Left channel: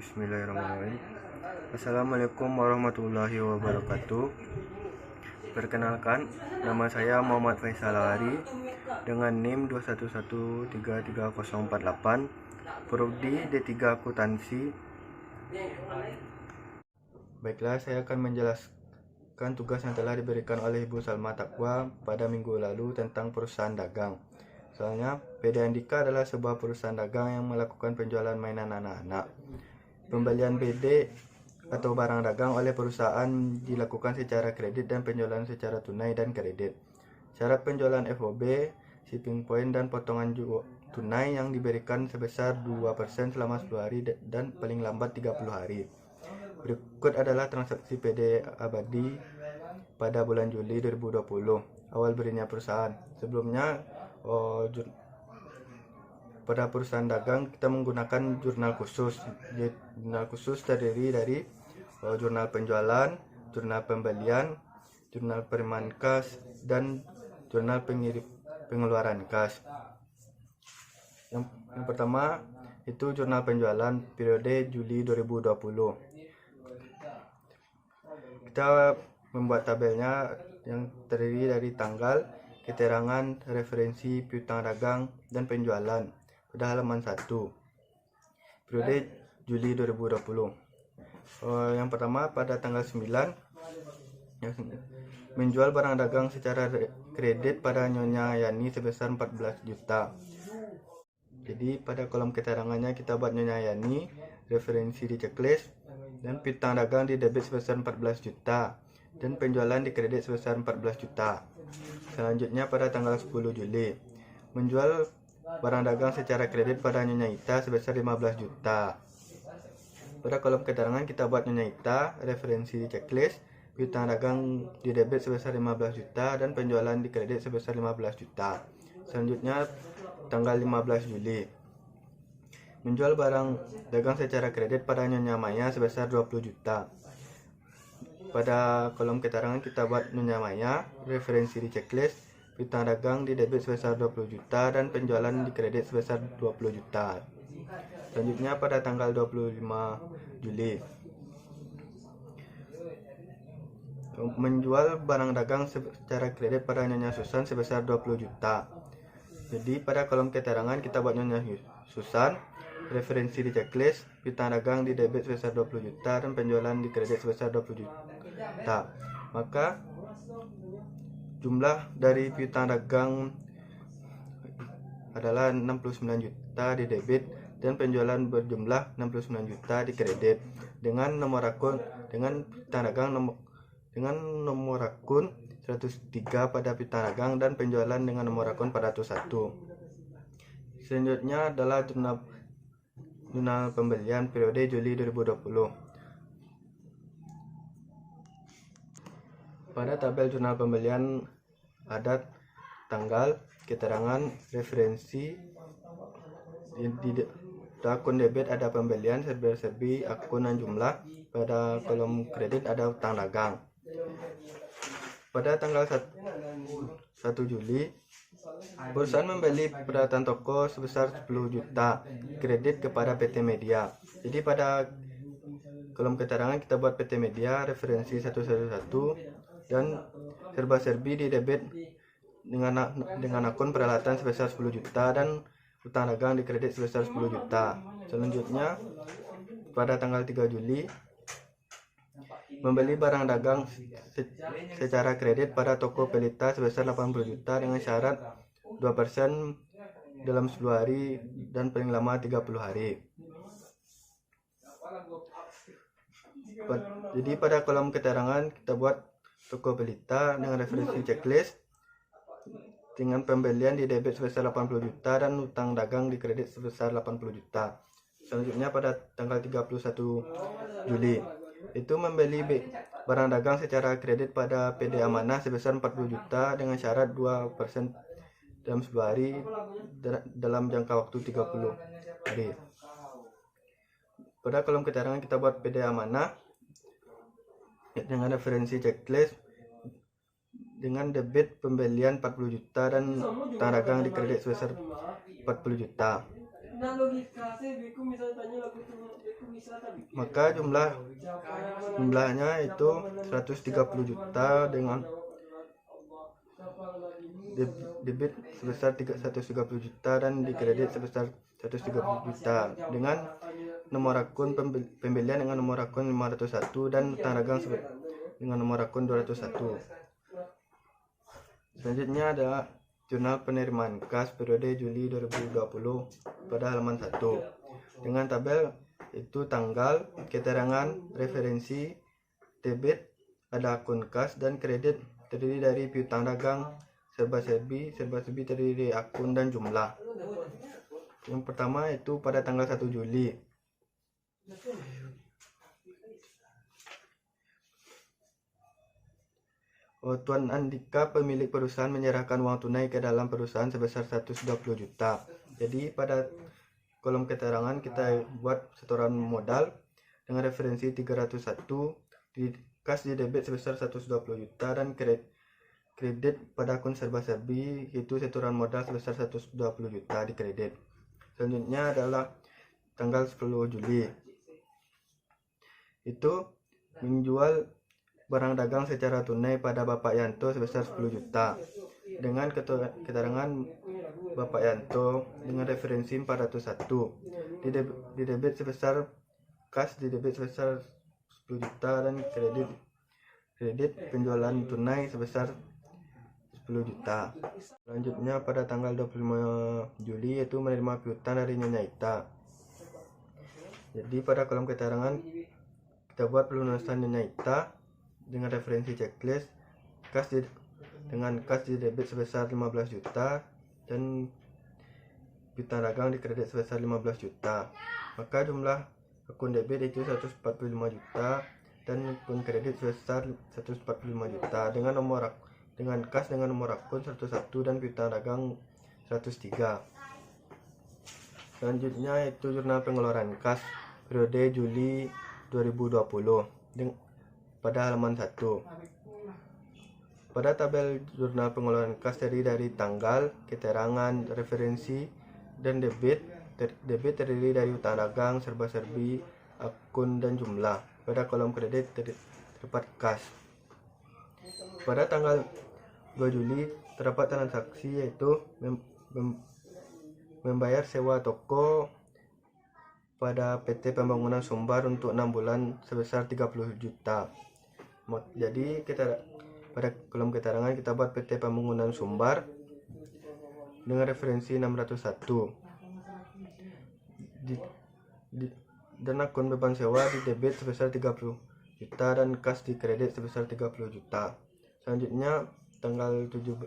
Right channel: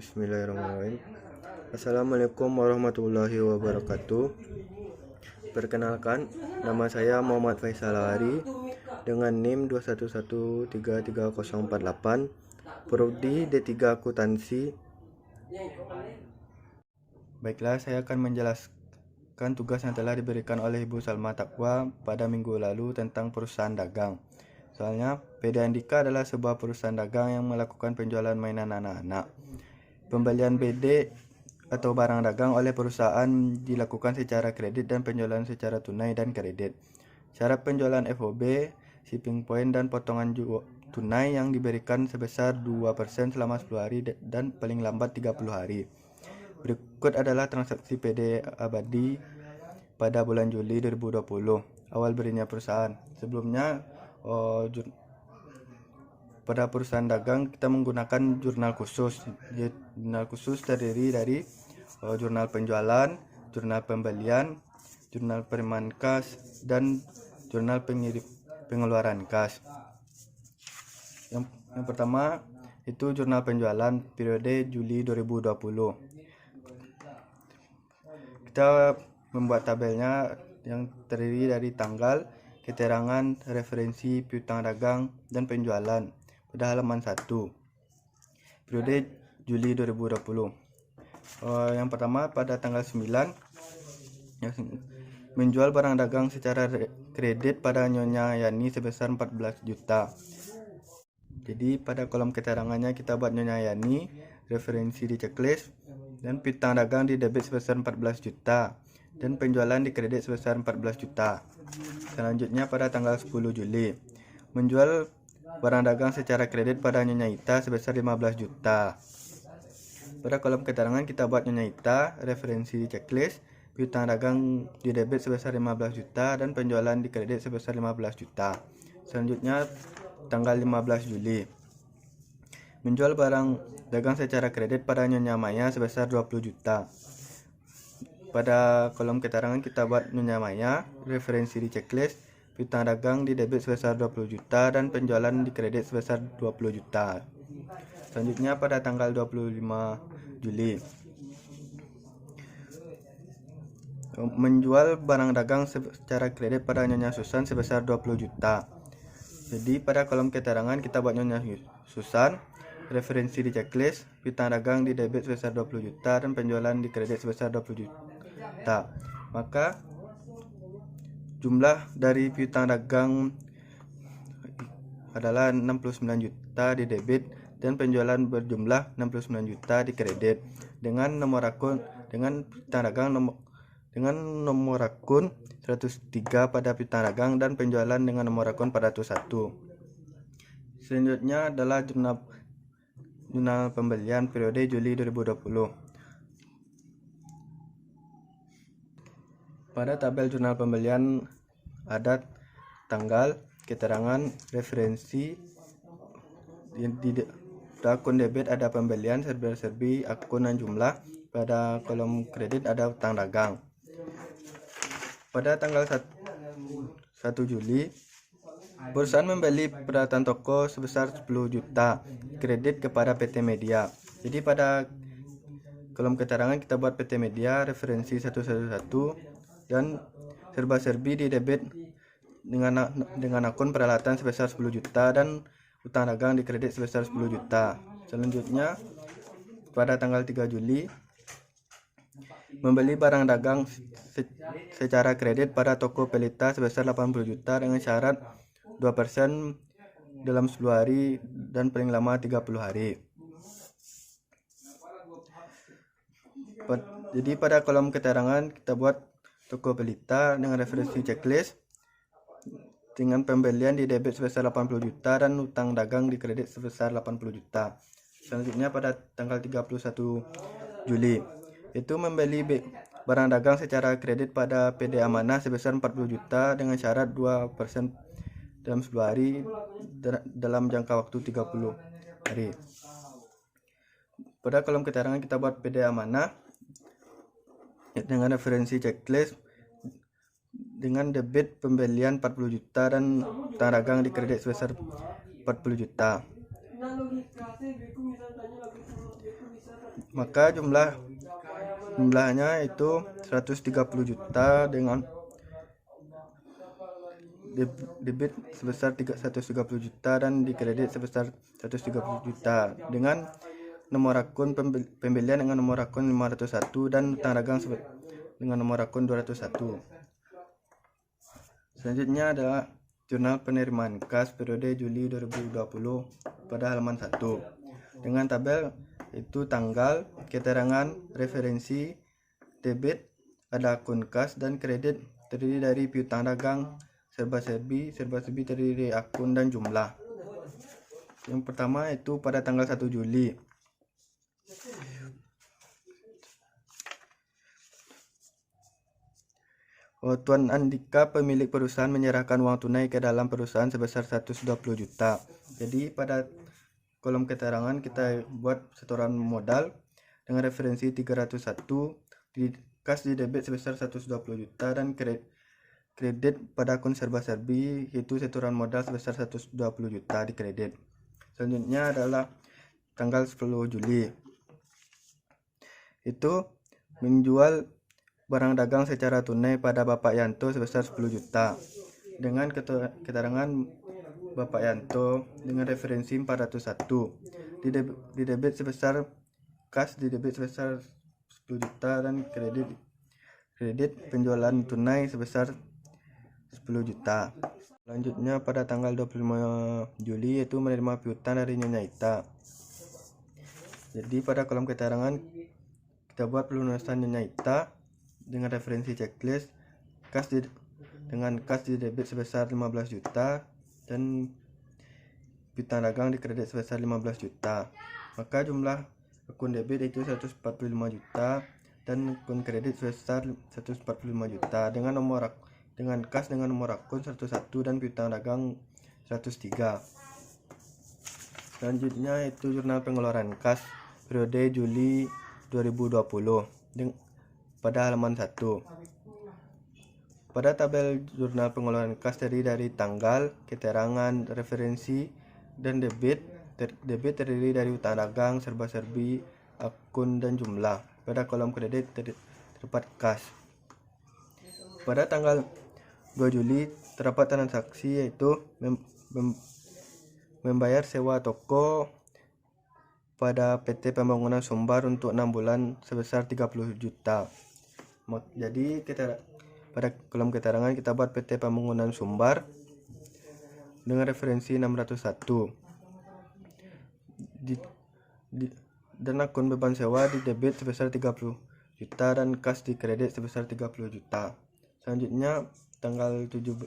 Bismillahirrahmanirrahim. Assalamualaikum warahmatullahi wabarakatuh. Perkenalkan, nama saya Muhammad Faisal Hari dengan NIM 211333048, Prodi D3 Akuntansi. Baiklah, saya akan menjelaskan tugas yang telah diberikan oleh Ibu Salma Taqwa pada minggu lalu tentang perusahaan dagang. Soalnya, PD Andika adalah sebuah perusahaan dagang yang melakukan penjualan mainan anak-anak. Pembelian BD atau barang dagang oleh perusahaan dilakukan secara kredit dan penjualan secara tunai dan kredit. Syarat penjualan FOB, shipping point, dan potongan tunai yang diberikan sebesar 2% selama 10 hari dan paling lambat 30 hari. Berikut adalah transaksi PD abadi pada bulan Juli 2020, awal berdirinya perusahaan. Sebelumnya, pada perusahaan dagang kita menggunakan jurnal khusus. Jurnal khusus terdiri dari jurnal penjualan, jurnal pembelian, jurnal penerimaan kas, dan jurnal pengeluaran kas. Yang pertama itu jurnal penjualan periode Juli 2020. Kita membuat tabelnya yang terdiri dari tanggal, keterangan, referensi, piutang dagang, dan penjualan pada halaman 1 periode Juli 2020. Yang pertama pada tanggal 9, menjual barang dagang secara kredit pada Nyonya Yani sebesar 14 juta. Jadi pada kolom keterangannya kita buat Nyonya Yani, referensi di checklist, dan piutang dagang di debit sebesar 14 juta dan penjualan di kredit sebesar 14 juta. Selanjutnya pada tanggal 10 Juli, menjual barang dagang secara kredit pada Nyonya Ita sebesar 15 juta. Pada kolom keterangan kita buat Nyonya Ita, referensi di checklist, piutang dagang di debit sebesar 15 juta dan penjualan di kredit sebesar 15 juta. Selanjutnya tanggal 15 Juli, menjual barang dagang secara kredit pada Nyonya Maya sebesar 20 juta. Pada kolom keterangan kita buat Nyonya Maya, referensi di checklist, piutang dagang di debit sebesar 20 juta dan penjualan di kredit sebesar 20 juta. Selanjutnya pada tanggal 25 Juli, menjual barang dagang secara kredit pada Nyonya Susan sebesar 20 juta. Jadi pada kolom keterangan kita buat Nyonya Susan, referensi di checklist, piutang dagang di debit sebesar 20 juta dan penjualan di kredit sebesar 20 juta. Maka jumlah dari piutang dagang adalah 69 juta di debit dan penjualan berjumlah 69 juta di kredit. Dengan nomor akun piutang dagang dengan nomor akun 103 pada piutang dagang dan penjualan dengan nomor akun 401. Selanjutnya adalah jurnal pembelian periode Juli 2020. Pada tabel jurnal pembelian ada tanggal, keterangan, referensi. Di akun debit ada pembelian, serba-serbi, akun dan jumlah. Pada kolom kredit ada utang dagang. Pada tanggal 1 Juli, perusahaan membeli peralatan toko sebesar 10 juta kredit kepada PT Media. Jadi pada kolom keterangan kita buat PT Media, referensi 111, dan serba-serbi di debit dengan akun peralatan sebesar 10 juta dan utang dagang di kredit sebesar 10 juta. Selanjutnya pada tanggal 3 Juli, membeli barang dagang secara kredit pada toko Pelita sebesar 80 juta dengan syarat 2% dalam 10 hari dan paling lama 30 hari. Jadi pada kolom keterangan kita buat toko Pelita dengan referensi checklist, dengan pembelian di debit sebesar 80 juta dan utang dagang di kredit sebesar 80 juta. Selanjutnya pada tanggal 31 Juli, itu membeli barang dagang secara kredit pada PD Amanah sebesar 40 juta dengan syarat 2% dalam 10 hari dalam jangka waktu 30 hari. Pada kolom keterangan kita buat PD Amanah dengan referensi checklist, dengan debit pembelian 40 juta dan utang dagang di kredit sebesar 40 juta. Maka jumlahnya itu 130 juta dengan debit sebesar 130 juta dan di kredit sebesar 130 juta dengan nomor akun pembelian dengan nomor akun 501 dan utang dagang dengan nomor akun 201. Selanjutnya adalah jurnal penerimaan kas periode Juli 2020 pada halaman 1 dengan tabel itu tanggal, keterangan, referensi, debit, ada akun kas dan kredit terdiri dari piutang dagang, serba-serbi terdiri dari akun dan jumlah. Yang pertama itu pada tanggal 1 Juli. Tuan Andika pemilik perusahaan menyerahkan uang tunai ke dalam perusahaan sebesar 120 juta. Jadi pada kolom keterangan kita buat setoran modal dengan referensi 301, di kas di debit sebesar 120 juta dan kredit pada akun serba-serbi itu setoran modal sebesar 120 juta di kredit. Selanjutnya adalah tanggal 10 Juli. Itu menjual barang dagang secara tunai pada Bapak Yanto sebesar 10 juta dengan keterangan Bapak Yanto dengan referensi 401, di debit sebesar kas di debit sebesar 10 juta dan kredit penjualan tunai sebesar 10 juta. Selanjutnya pada tanggal 25 Juli yaitu menerima piutang dari Nyonya Ita. Jadi pada kolom keterangan kita buat pelunasan Nyonya Ita dengan referensi checklist dengan kas di debit sebesar 15 juta dan piutang dagang di kredit sebesar 15 juta. Maka jumlah akun debit itu 145 juta dan akun kredit sebesar 145 juta dengan kas dengan nomor akun 101 dan piutang dagang 103. Selanjutnya itu jurnal pengeluaran kas periode Juli 2020 pada halaman 1. Pada tabel jurnal pengeluaran kas terdiri dari tanggal, keterangan, referensi, dan debit terdiri dari utang dagang, serba-serbi, akun, dan jumlah. Pada kolom kredit terdapat kas. Pada tanggal 2 Juli terdapat transaksi yaitu membayar sewa toko pada PT Pembangunan Sumbar untuk 6 bulan sebesar 30 juta. Jadi pada kolom keterangan kita buat PT Pembangunan Sumbar dengan referensi 601 dan akun beban sewa di debit sebesar 30 juta dan kas di kredit sebesar 30 juta. Selanjutnya tanggal 17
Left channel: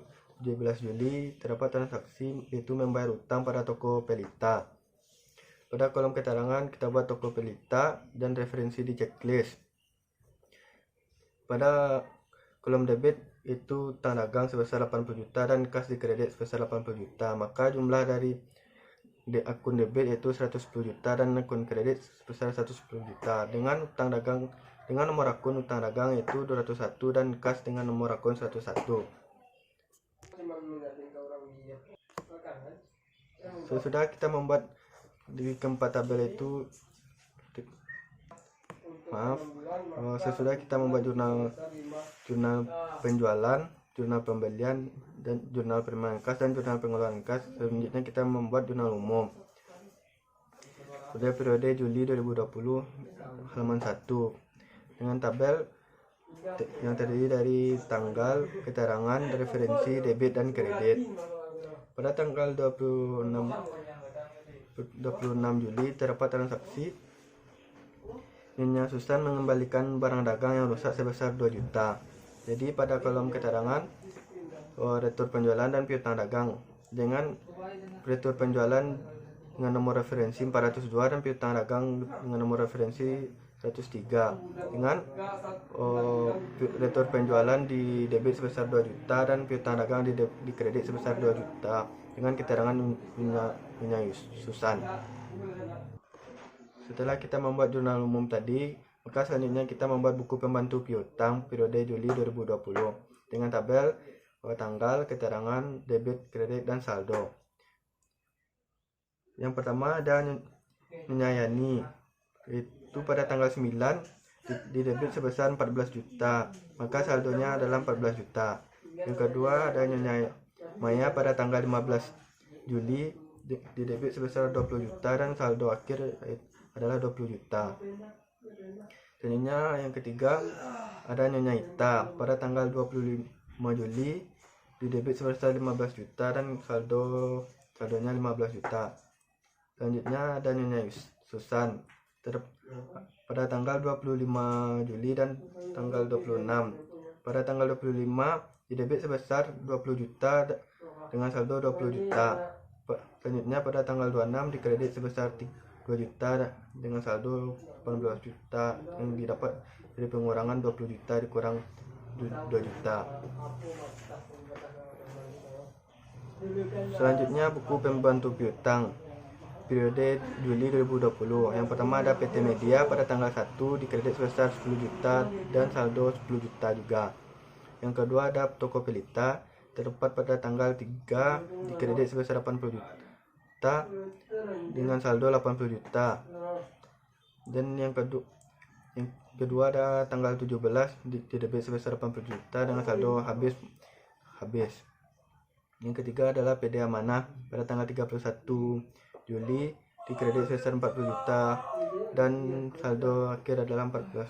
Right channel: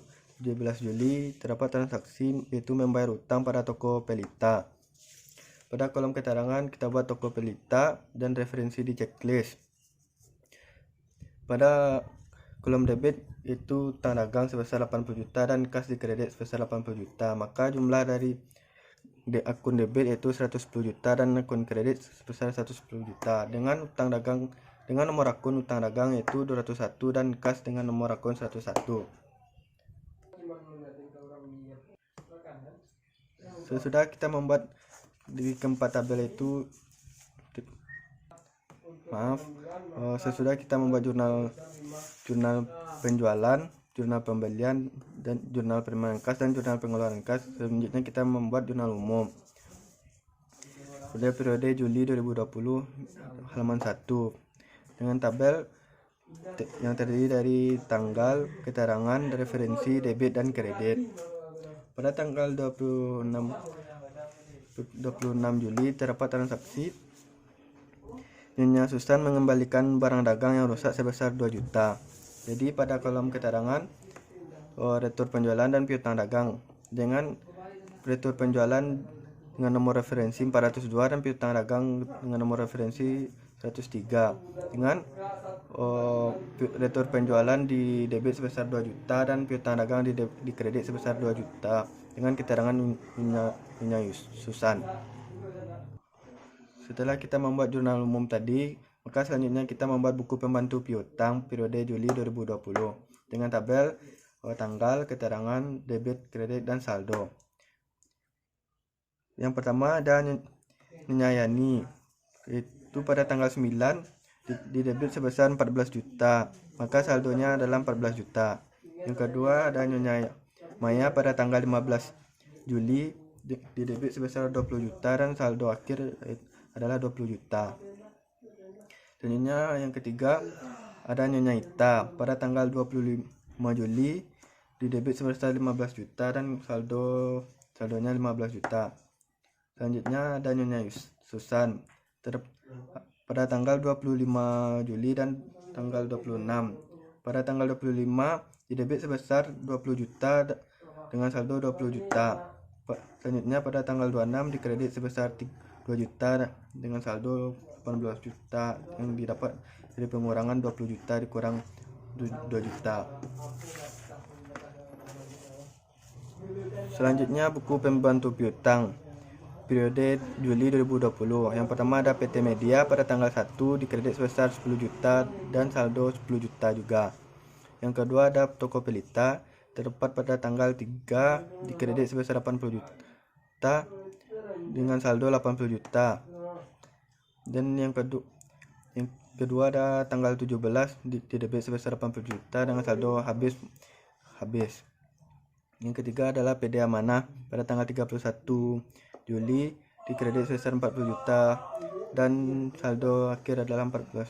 Juli terdapat transaksi yaitu membayar utang pada toko Pelita. Pada kolom keterangan kita buat toko Pelita dan referensi di checklist. Pada kolom debit itu utang dagang sebesar 80 juta dan kas di kredit sebesar 80 juta. Maka jumlah dari akun debit yaitu 110 juta dan akun kredit sebesar 110 juta dengan utang dagang dengan nomor akun utang dagang yaitu 201 dan kas dengan nomor akun 101. Sesudah kita membuat di keempat tabel itu sesudah kita membuat jurnal penjualan, jurnal pembelian, dan jurnal penerimaan kas dan jurnal pengeluaran kas. Selanjutnya kita membuat jurnal umum pada periode Juli 2020 halaman 1 dengan tabel yang terdiri dari tanggal, keterangan, referensi, debit, dan kredit. Pada tanggal 26 Juli terdapat transaksi Nyonya Susan mengembalikan barang dagang yang rusak sebesar 2 juta. Jadi pada kolom keterangan retur penjualan dan piutang dagang dengan retur penjualan dengan nomor referensi 402 dan piutang dagang dengan nomor referensi 103 dengan retur penjualan di debit sebesar 2 juta dan piutang dagang di kredit sebesar 2 juta dengan keterangan Nyonya Susan. Setelah kita membuat jurnal umum tadi, maka selanjutnya kita membuat buku pembantu piutang periode Juli 2020 dengan tabel tanggal, keterangan, debit, kredit, dan saldo. Yang pertama ada Nyonya Yani, itu pada tanggal 9 di debit sebesar 14 juta, maka saldonya adalah 14 juta. Yang kedua ada Nyonya Maya pada tanggal 15 Juli di debit sebesar 20 juta dan saldo akhir adalah 20 juta. Selanjutnya yang ketiga ada Nyonya Ita pada tanggal 25 Juli di debit sebesar 15 juta dan saldonya 15 juta. Selanjutnya ada Nyonya Susan pada tanggal 25 Juli dan tanggal 26. Pada tanggal 25 di debit sebesar 20 juta dengan saldo 20 juta. Selanjutnya pada tanggal 26 di kredit sebesar 2 juta dengan saldo 18 juta yang didapat dari pengurangan 20 juta dikurang 2 juta. Selanjutnya buku pembantu piutang periode Juli 2020. Yang pertama ada PT Media pada tanggal 1 di kredit sebesar 10 juta dan saldo 10 juta juga. Yang kedua ada Toko Pelita terdapat pada tanggal 3 di kredit sebesar 80 juta dengan saldo 80 juta. Dan yang kedua ada tanggal 17 di debit sebesar 80 juta dengan saldo habis. Yang ketiga adalah PD Amanah pada tanggal 31 Juli di kredit sebesar 40 juta dan saldo akhir adalah 40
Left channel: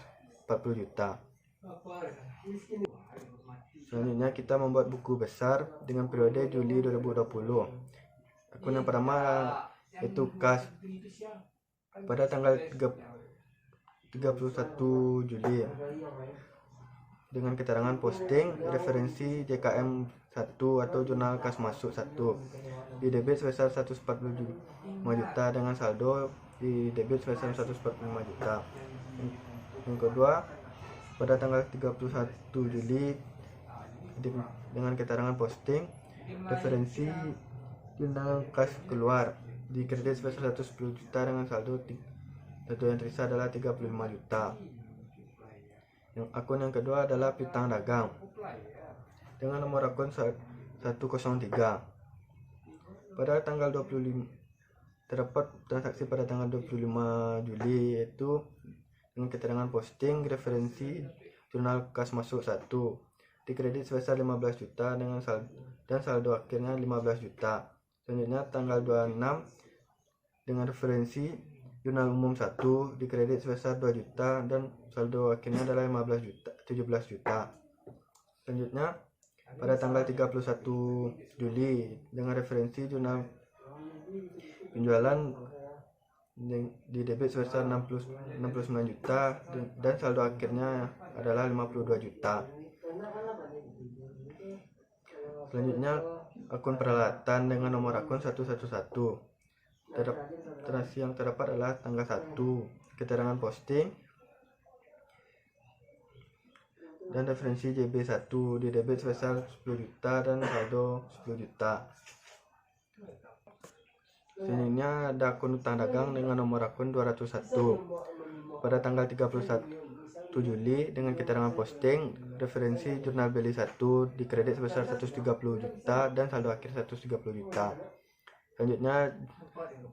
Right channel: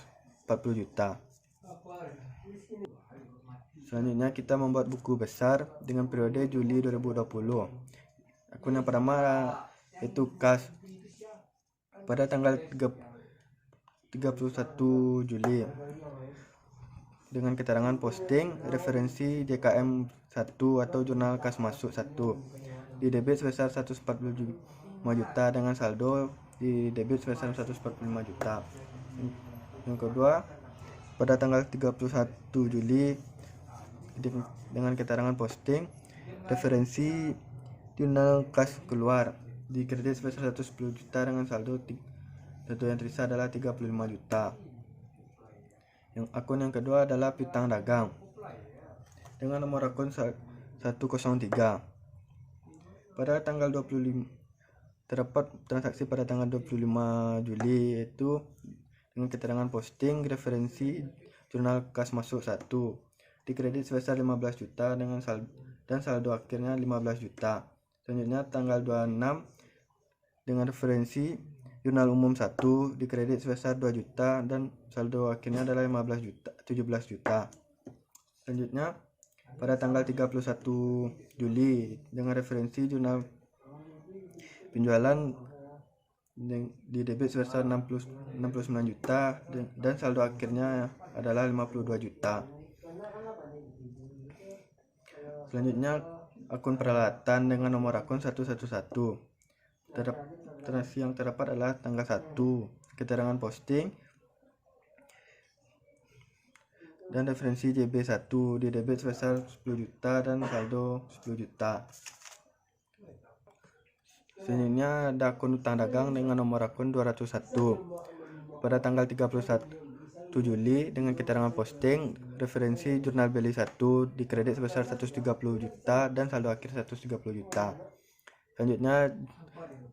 juta. Selanjutnya kita membuat buku besar dengan periode Juli 2020. Akun yang pertama yaitu kas pada tanggal 31 Juli dengan keterangan posting referensi JKM 1 atau jurnal kas masuk 1 di debit sebesar 145 juta dengan saldo di debit sebesar 145 juta. Yang kedua pada tanggal 31 Juli dengan keterangan posting referensi jurnal kas keluar di kredit sebesar 110 juta dengan saldo yang tersisa adalah 35 juta. Yang akun yang kedua adalah piutang dagang dengan nomor akun 103. Pada tanggal 25 terdapat transaksi pada tanggal 25 Juli yaitu dengan keterangan posting referensi jurnal kas masuk 1 di kredit sebesar 15 juta dengan saldo akhirnya 15 juta. Selanjutnya tanggal 26 dengan referensi jurnal umum 1 di kredit sebesar 2 juta dan saldo akhirnya adalah 17 juta. Selanjutnya pada tanggal 31 Juli dengan referensi jurnal penjualan di debit sebesar 69 juta dan saldo akhirnya adalah 52 juta. Selanjutnya akun peralatan dengan nomor akun 111. Transaksi yang terdapat adalah tanggal 1 keterangan posting dan referensi JB1 di debit sebesar 10 juta dan saldo 10 juta. Selanjutnya ada akun utang dagang dengan nomor akun 201 pada tanggal 31 Juli dengan keterangan posting referensi jurnal beli 1 di kredit sebesar 130 juta dan saldo akhir 130 juta. Selanjutnya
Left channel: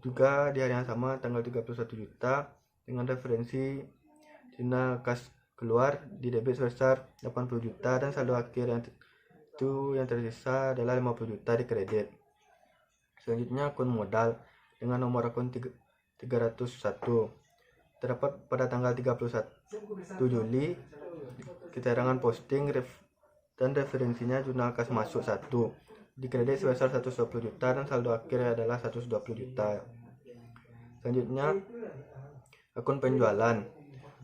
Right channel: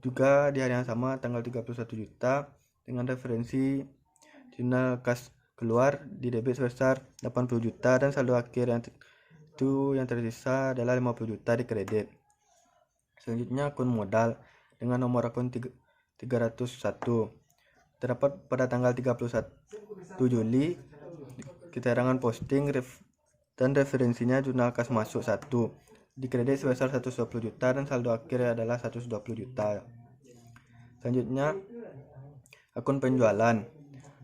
juga di hari yang sama tanggal 31 juta dengan referensi jurnal kas keluar di debit sebesar 80 juta dan saldo akhir yang tersisa adalah 50 juta di kredit. Selanjutnya akun modal dengan nomor akun 301 terdapat pada tanggal 31 Juli keterangan posting dan referensinya jurnal kas masuk 1 di kredit sebesar 120 juta dan saldo akhir adalah 120 juta. Selanjutnya akun penjualan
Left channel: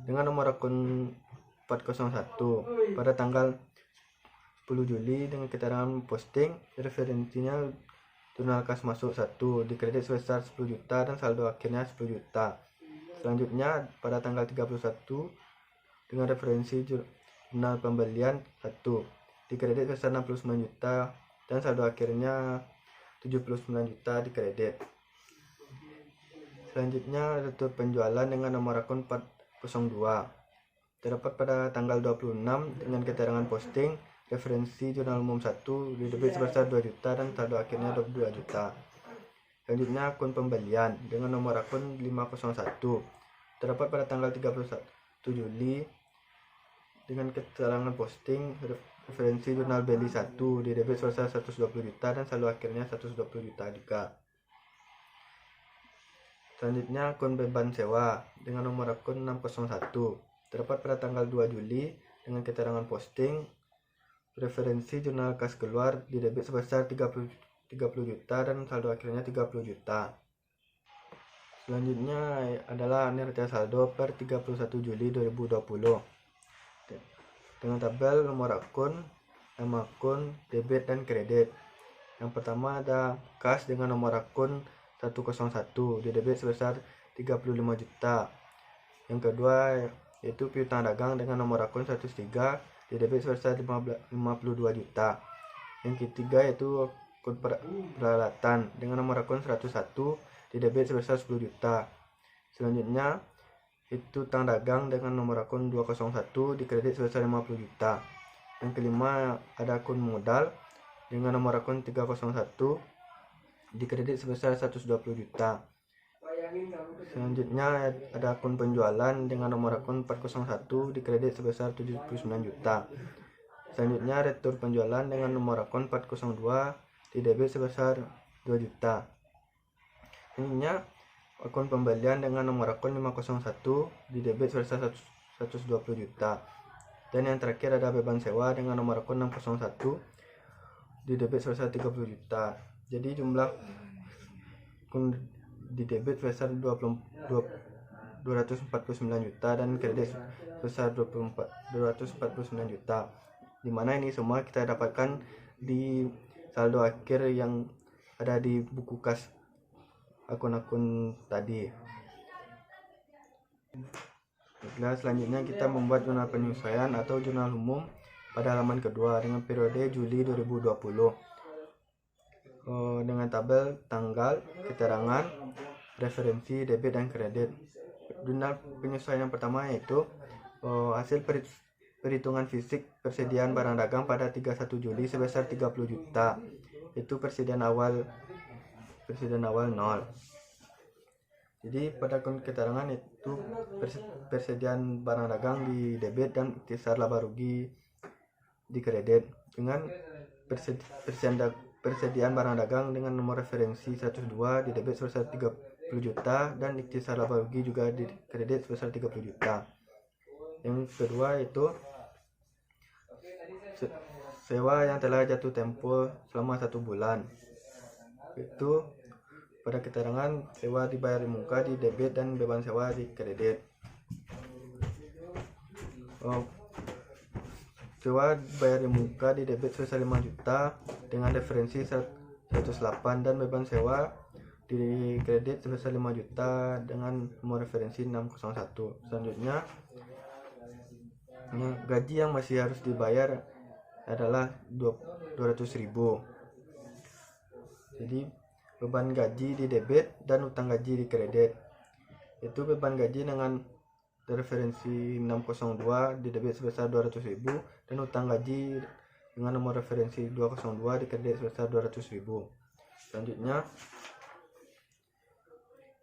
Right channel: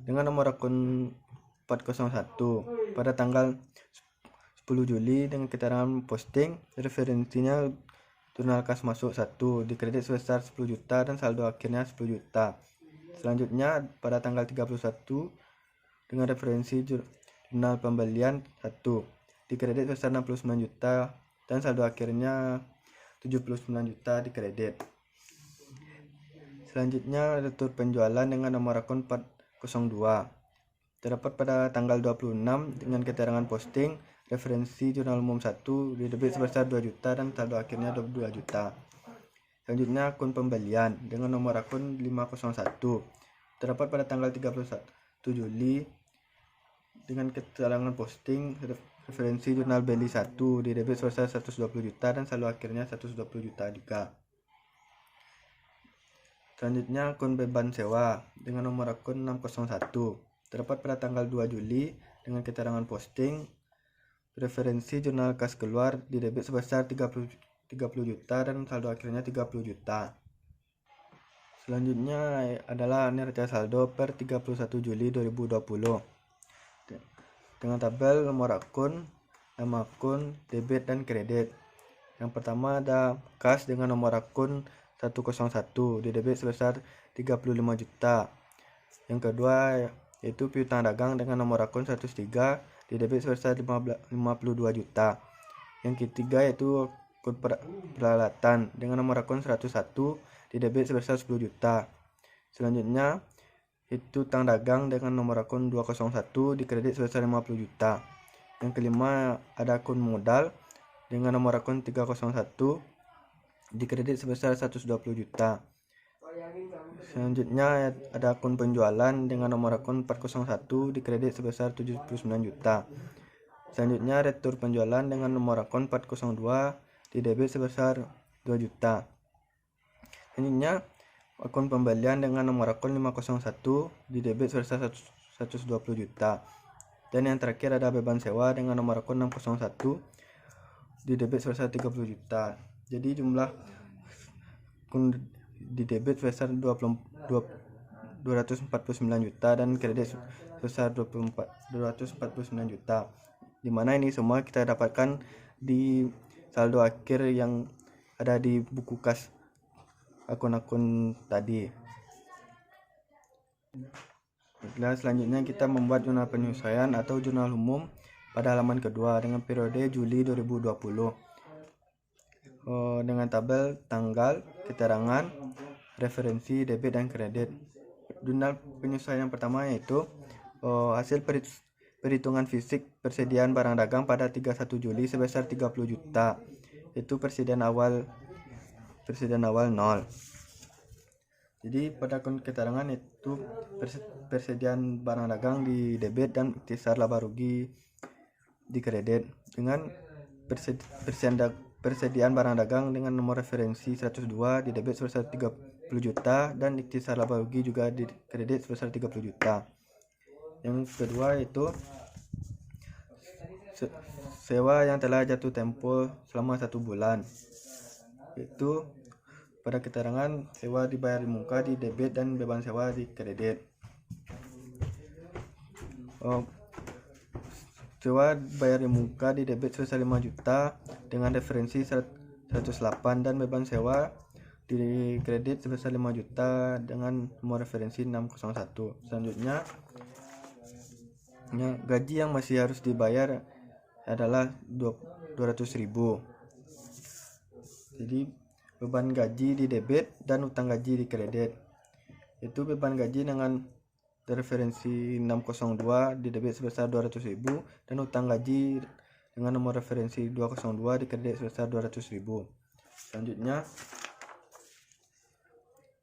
dengan nomor akun 401 pada tanggal 10 Juli dengan keterangan posting referensinya jurnal kas masuk 1 di kredit sebesar 10 juta dan saldo akhirnya 10 juta. Selanjutnya pada tanggal 31 dengan referensi jurnal pembelian 1 di kredit sebesar 69 juta dan saldo akhirnya 79 juta di kredit. Selanjutnya retur penjualan dengan nomor akun 402 terdapat pada tanggal 26 dengan keterangan posting referensi jurnal umum 1 di debit sebesar 2 juta dan saldo akhirnya 22 juta. Selanjutnya akun pembelian dengan nomor akun 501 terdapat pada tanggal 31 Juli dengan keterangan posting referensi jurnal Beli 1 di debit sebesar 120 juta dan saldo akhirnya 120 juta juga. Selanjutnya akun beban sewa dengan nomor akun 601 terdapat pada tanggal 2 Juli dengan keterangan posting referensi jurnal kas keluar di debit sebesar 30 juta dan saldo akhirnya 30 juta. Selanjutnya adalah neraca saldo per 31 Juli 2020 dengan tabel nomor akun, nama akun, debit dan kredit. Yang pertama ada kas dengan nomor akun 101 di debit sebesar 35 juta. Yang kedua yaitu piutang dagang dengan nomor akun 103 di debit sebesar 52 juta. Yang ketiga yaitu akun peralatan dengan nomor akun 101 di debit sebesar 10 juta. Selanjutnya itu utang dagang dengan nomor akun 201 di kredit sebesar 50 juta. Yang kelima ada akun modal dengan nomor akun 301 di kredit sebesar 120 juta. Selanjutnya ada akun penjualan dengan nomor akun 401 di kredit sebesar 79 juta. Selanjutnya retur penjualan dengan nomor akun 402 di debit sebesar 2 juta. Selanjutnya akun pembelian dengan nomor akun 501 di debit sebesar 120 juta. Dan yang terakhir ada beban sewa dengan nomor akun 601 di debit sebesar 30 juta. Jadi jumlah akun di debit sebesar 249 juta dan kredit sebesar 249 juta. Dimana ini semua kita dapatkan di saldo akhir yang ada di buku kas akun-akun tadi. Nah, selanjutnya kita membuat jurnal penyesuaian atau jurnal umum pada halaman kedua dengan periode Juli 2020 dengan tabel tanggal, keterangan, referensi, debit dan kredit. Jurnal penyesuaian yang pertama yaitu hasil perhitungan fisik persediaan barang dagang pada 31 Juli sebesar 30 juta. Itu persediaan awal 0. Jadi pada akun keterangan itu persediaan barang dagang di debit dan ikhtisar laba rugi di kredit. Dengan persediaan barang dagang dengan nomor referensi 102 di debit sebesar 30 juta dan ikhtisar laba rugi juga di kredit sebesar 30 juta. Yang kedua itu sewa yang telah jatuh tempo selama 1 bulan. Itu pada keterangan sewa dibayar di muka di debit dan beban sewa di kredit. Sewa bayar di muka di debit sebesar 5 juta dengan referensi 108 dan beban sewa di kredit sebesar 5 juta dengan nomor referensi 601. Selanjutnya gaji yang masih harus dibayar adalah 200.000. Jadi beban gaji di debit dan utang gaji di kredit. Itu beban gaji dengan referensi 602 di debit sebesar 200.000 dan utang gaji dengan nomor referensi 202 di kredit sebesar 200.000. Selanjutnya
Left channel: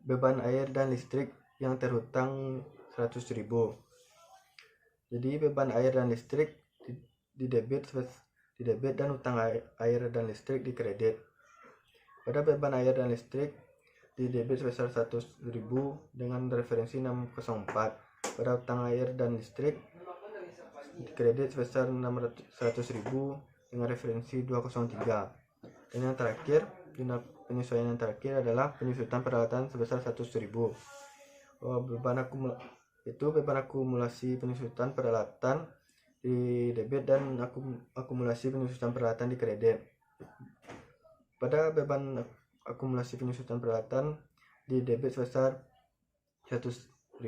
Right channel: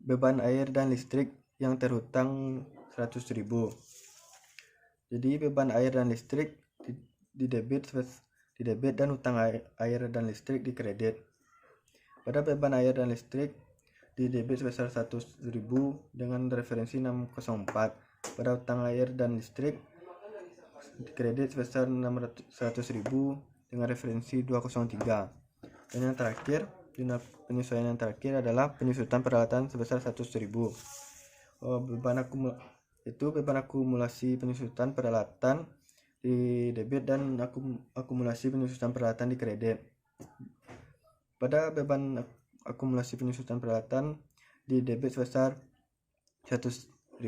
beban air dan listrik yang terhutang 100.000. Jadi beban air dan listrik di debit dan utang air dan listrik di kredit. Pada beban air dan listrik di debit sebesar 100.000 dengan referensi 604. Pada utang air dan listrik di kredit sebesar 100.000 dengan referensi 203. Dan yang terakhir, penyesuaian yang terakhir adalah penyusutan peralatan sebesar 100.000. Beban akumulasi penyusutan peralatan di debit dan akumulasi penyusutan peralatan di kredit. Pada beban akumulasi penyusutan peralatan di debit sebesar 100.000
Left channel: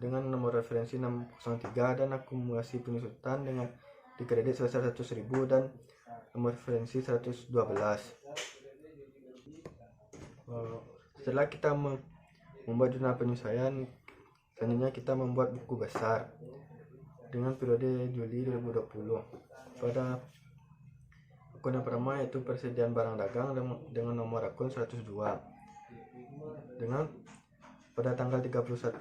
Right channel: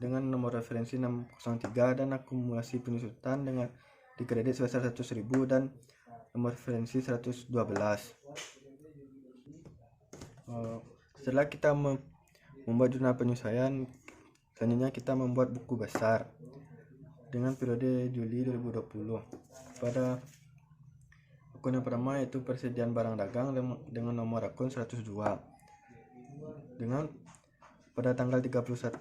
dengan nomor referensi 603 dan akumulasi penyusutan dengan di kredit sebesar 100.000 dan nomor referensi 112. Setelah kita membuat jurnal penyesuaian, selanjutnya kita membuat buku besar dengan periode Juli 2020. Pada akun yang pertama yaitu persediaan barang dagang dengan nomor akun 102 dengan pada tanggal 31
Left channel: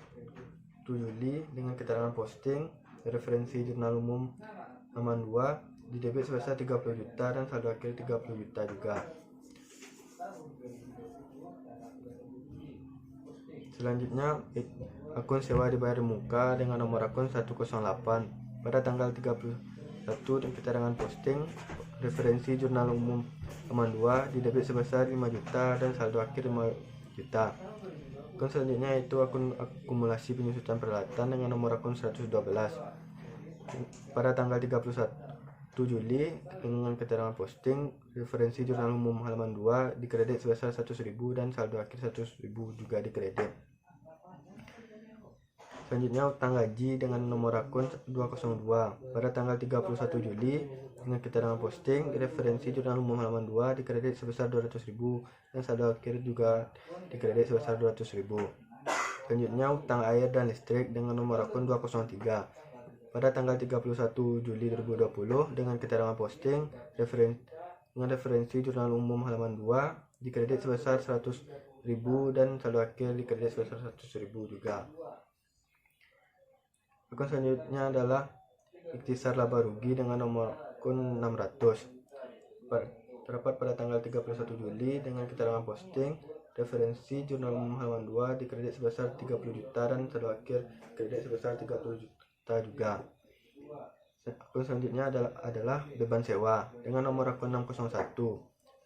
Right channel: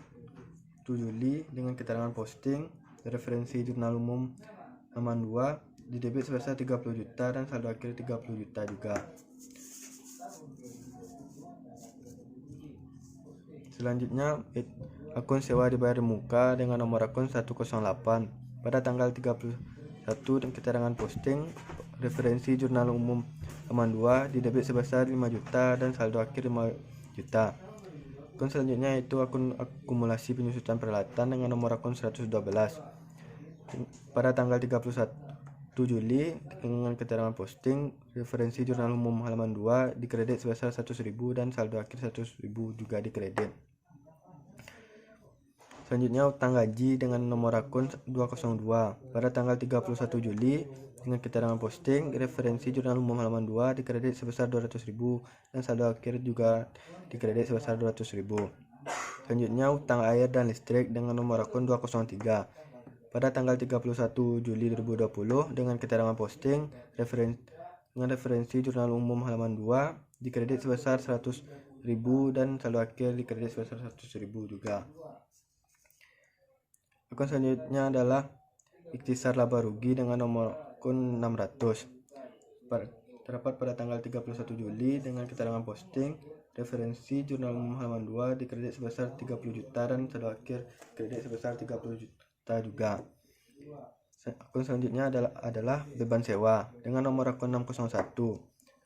Juli dengan keterangan posting referensi jurnal umum halaman 2 di debit sebesar 30 juta dan saldo akhir 30 juta juga. Selanjutnya akun sewa dibayar muka dengan nomor akun 108 pada tanggal 31 dan keterangan posting referensi jurnal umum halaman 2 di debit sebesar 5 juta dan saldo akhir 5 juta. Akun selanjutnya itu akun akumulasi penyusutan peralatan dengan nomor akun 112 pada tanggal 31 Juli dengan keterangan posting referensi jurnal umum halaman 2 dikredit sebesar 100.000 dan saldo akhir 100.000 juga dikredit. Selanjutnya utang gaji dengan nomor akun 202 pada tanggal 31 Juli dengan keterangan posting referensi jurnal umum halaman 2 dikredit sebesar 200.000 dan saldo akhir juga dikredit sebesar 200.000. Selanjutnya utang air dan listrik dengan nomor akun 203 pada tanggal 31 Juli 2020 dengan keterangan posting referensi jurnal umum halaman 2 dikredit sebesar 100.000 dan saldo akhir dikredit sebesar 100.000 juga. Akun selanjutnya adalah ikhtisar laba rugi dengan nomor akun 600 terdapat pada tanggal 31 Juli dengan keterangan posting referensi jurnal umum halaman 2 dikredit sebesar 30 juta dan saldo akhir kredit sebesar 30 juta juga. Akun selanjutnya adalah beban sewa dengan nomor akun 601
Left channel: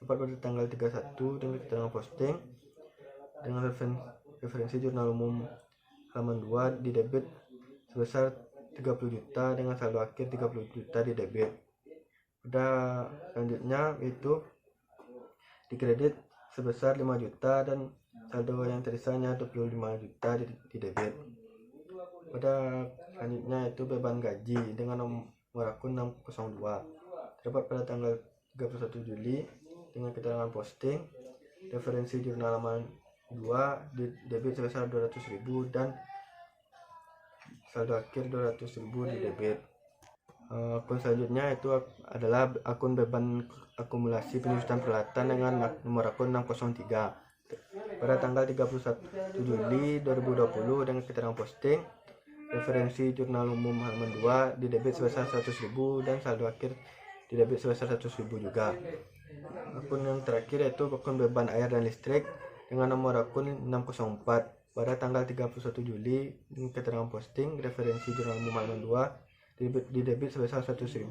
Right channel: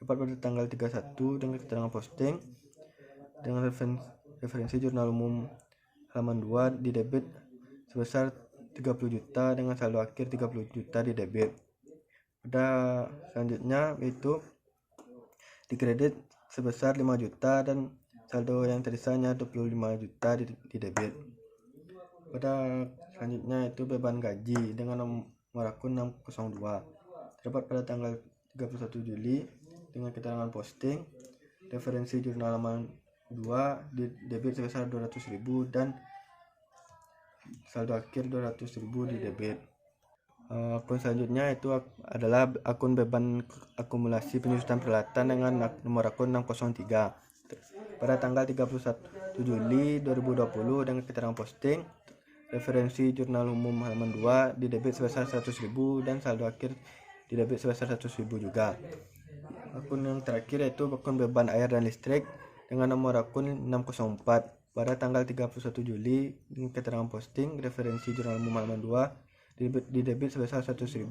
terdapat pada tanggal 31 dengan keterangan posting dengan referensi jurnal umum halaman 2 di debit sebesar 30 juta dengan saldo akhir 30 juta di debit. Pada selanjutnya itu dikredit sebesar 5 juta dan saldo yang tersisanya 25 juta di debit. Pada selanjutnya itu beban gaji dengan nomor akun 602 terdapat pada tanggal 31 Juli dengan keterangan posting referensi jurnal halaman 2 di debit sebesar 200.000 dan saldo akhir 200.000 di debit. Akun selanjutnya itu adalah akun beban akumulasi penyusutan peralatan dengan nomor akun 603 pada tanggal 31 Juli 2020 dengan keterangan posting referensi jurnal umum halaman 2 di debit sebesar 100.000 dan saldo akhir di debit sebesar 100.000 juga. Akun yang terakhir yaitu akun beban air dan listrik dengan nomor akun 604 pada tanggal 31 Juli dengan keterangan posting referensi jurnal umum halaman 2 di debit sebesar 100.000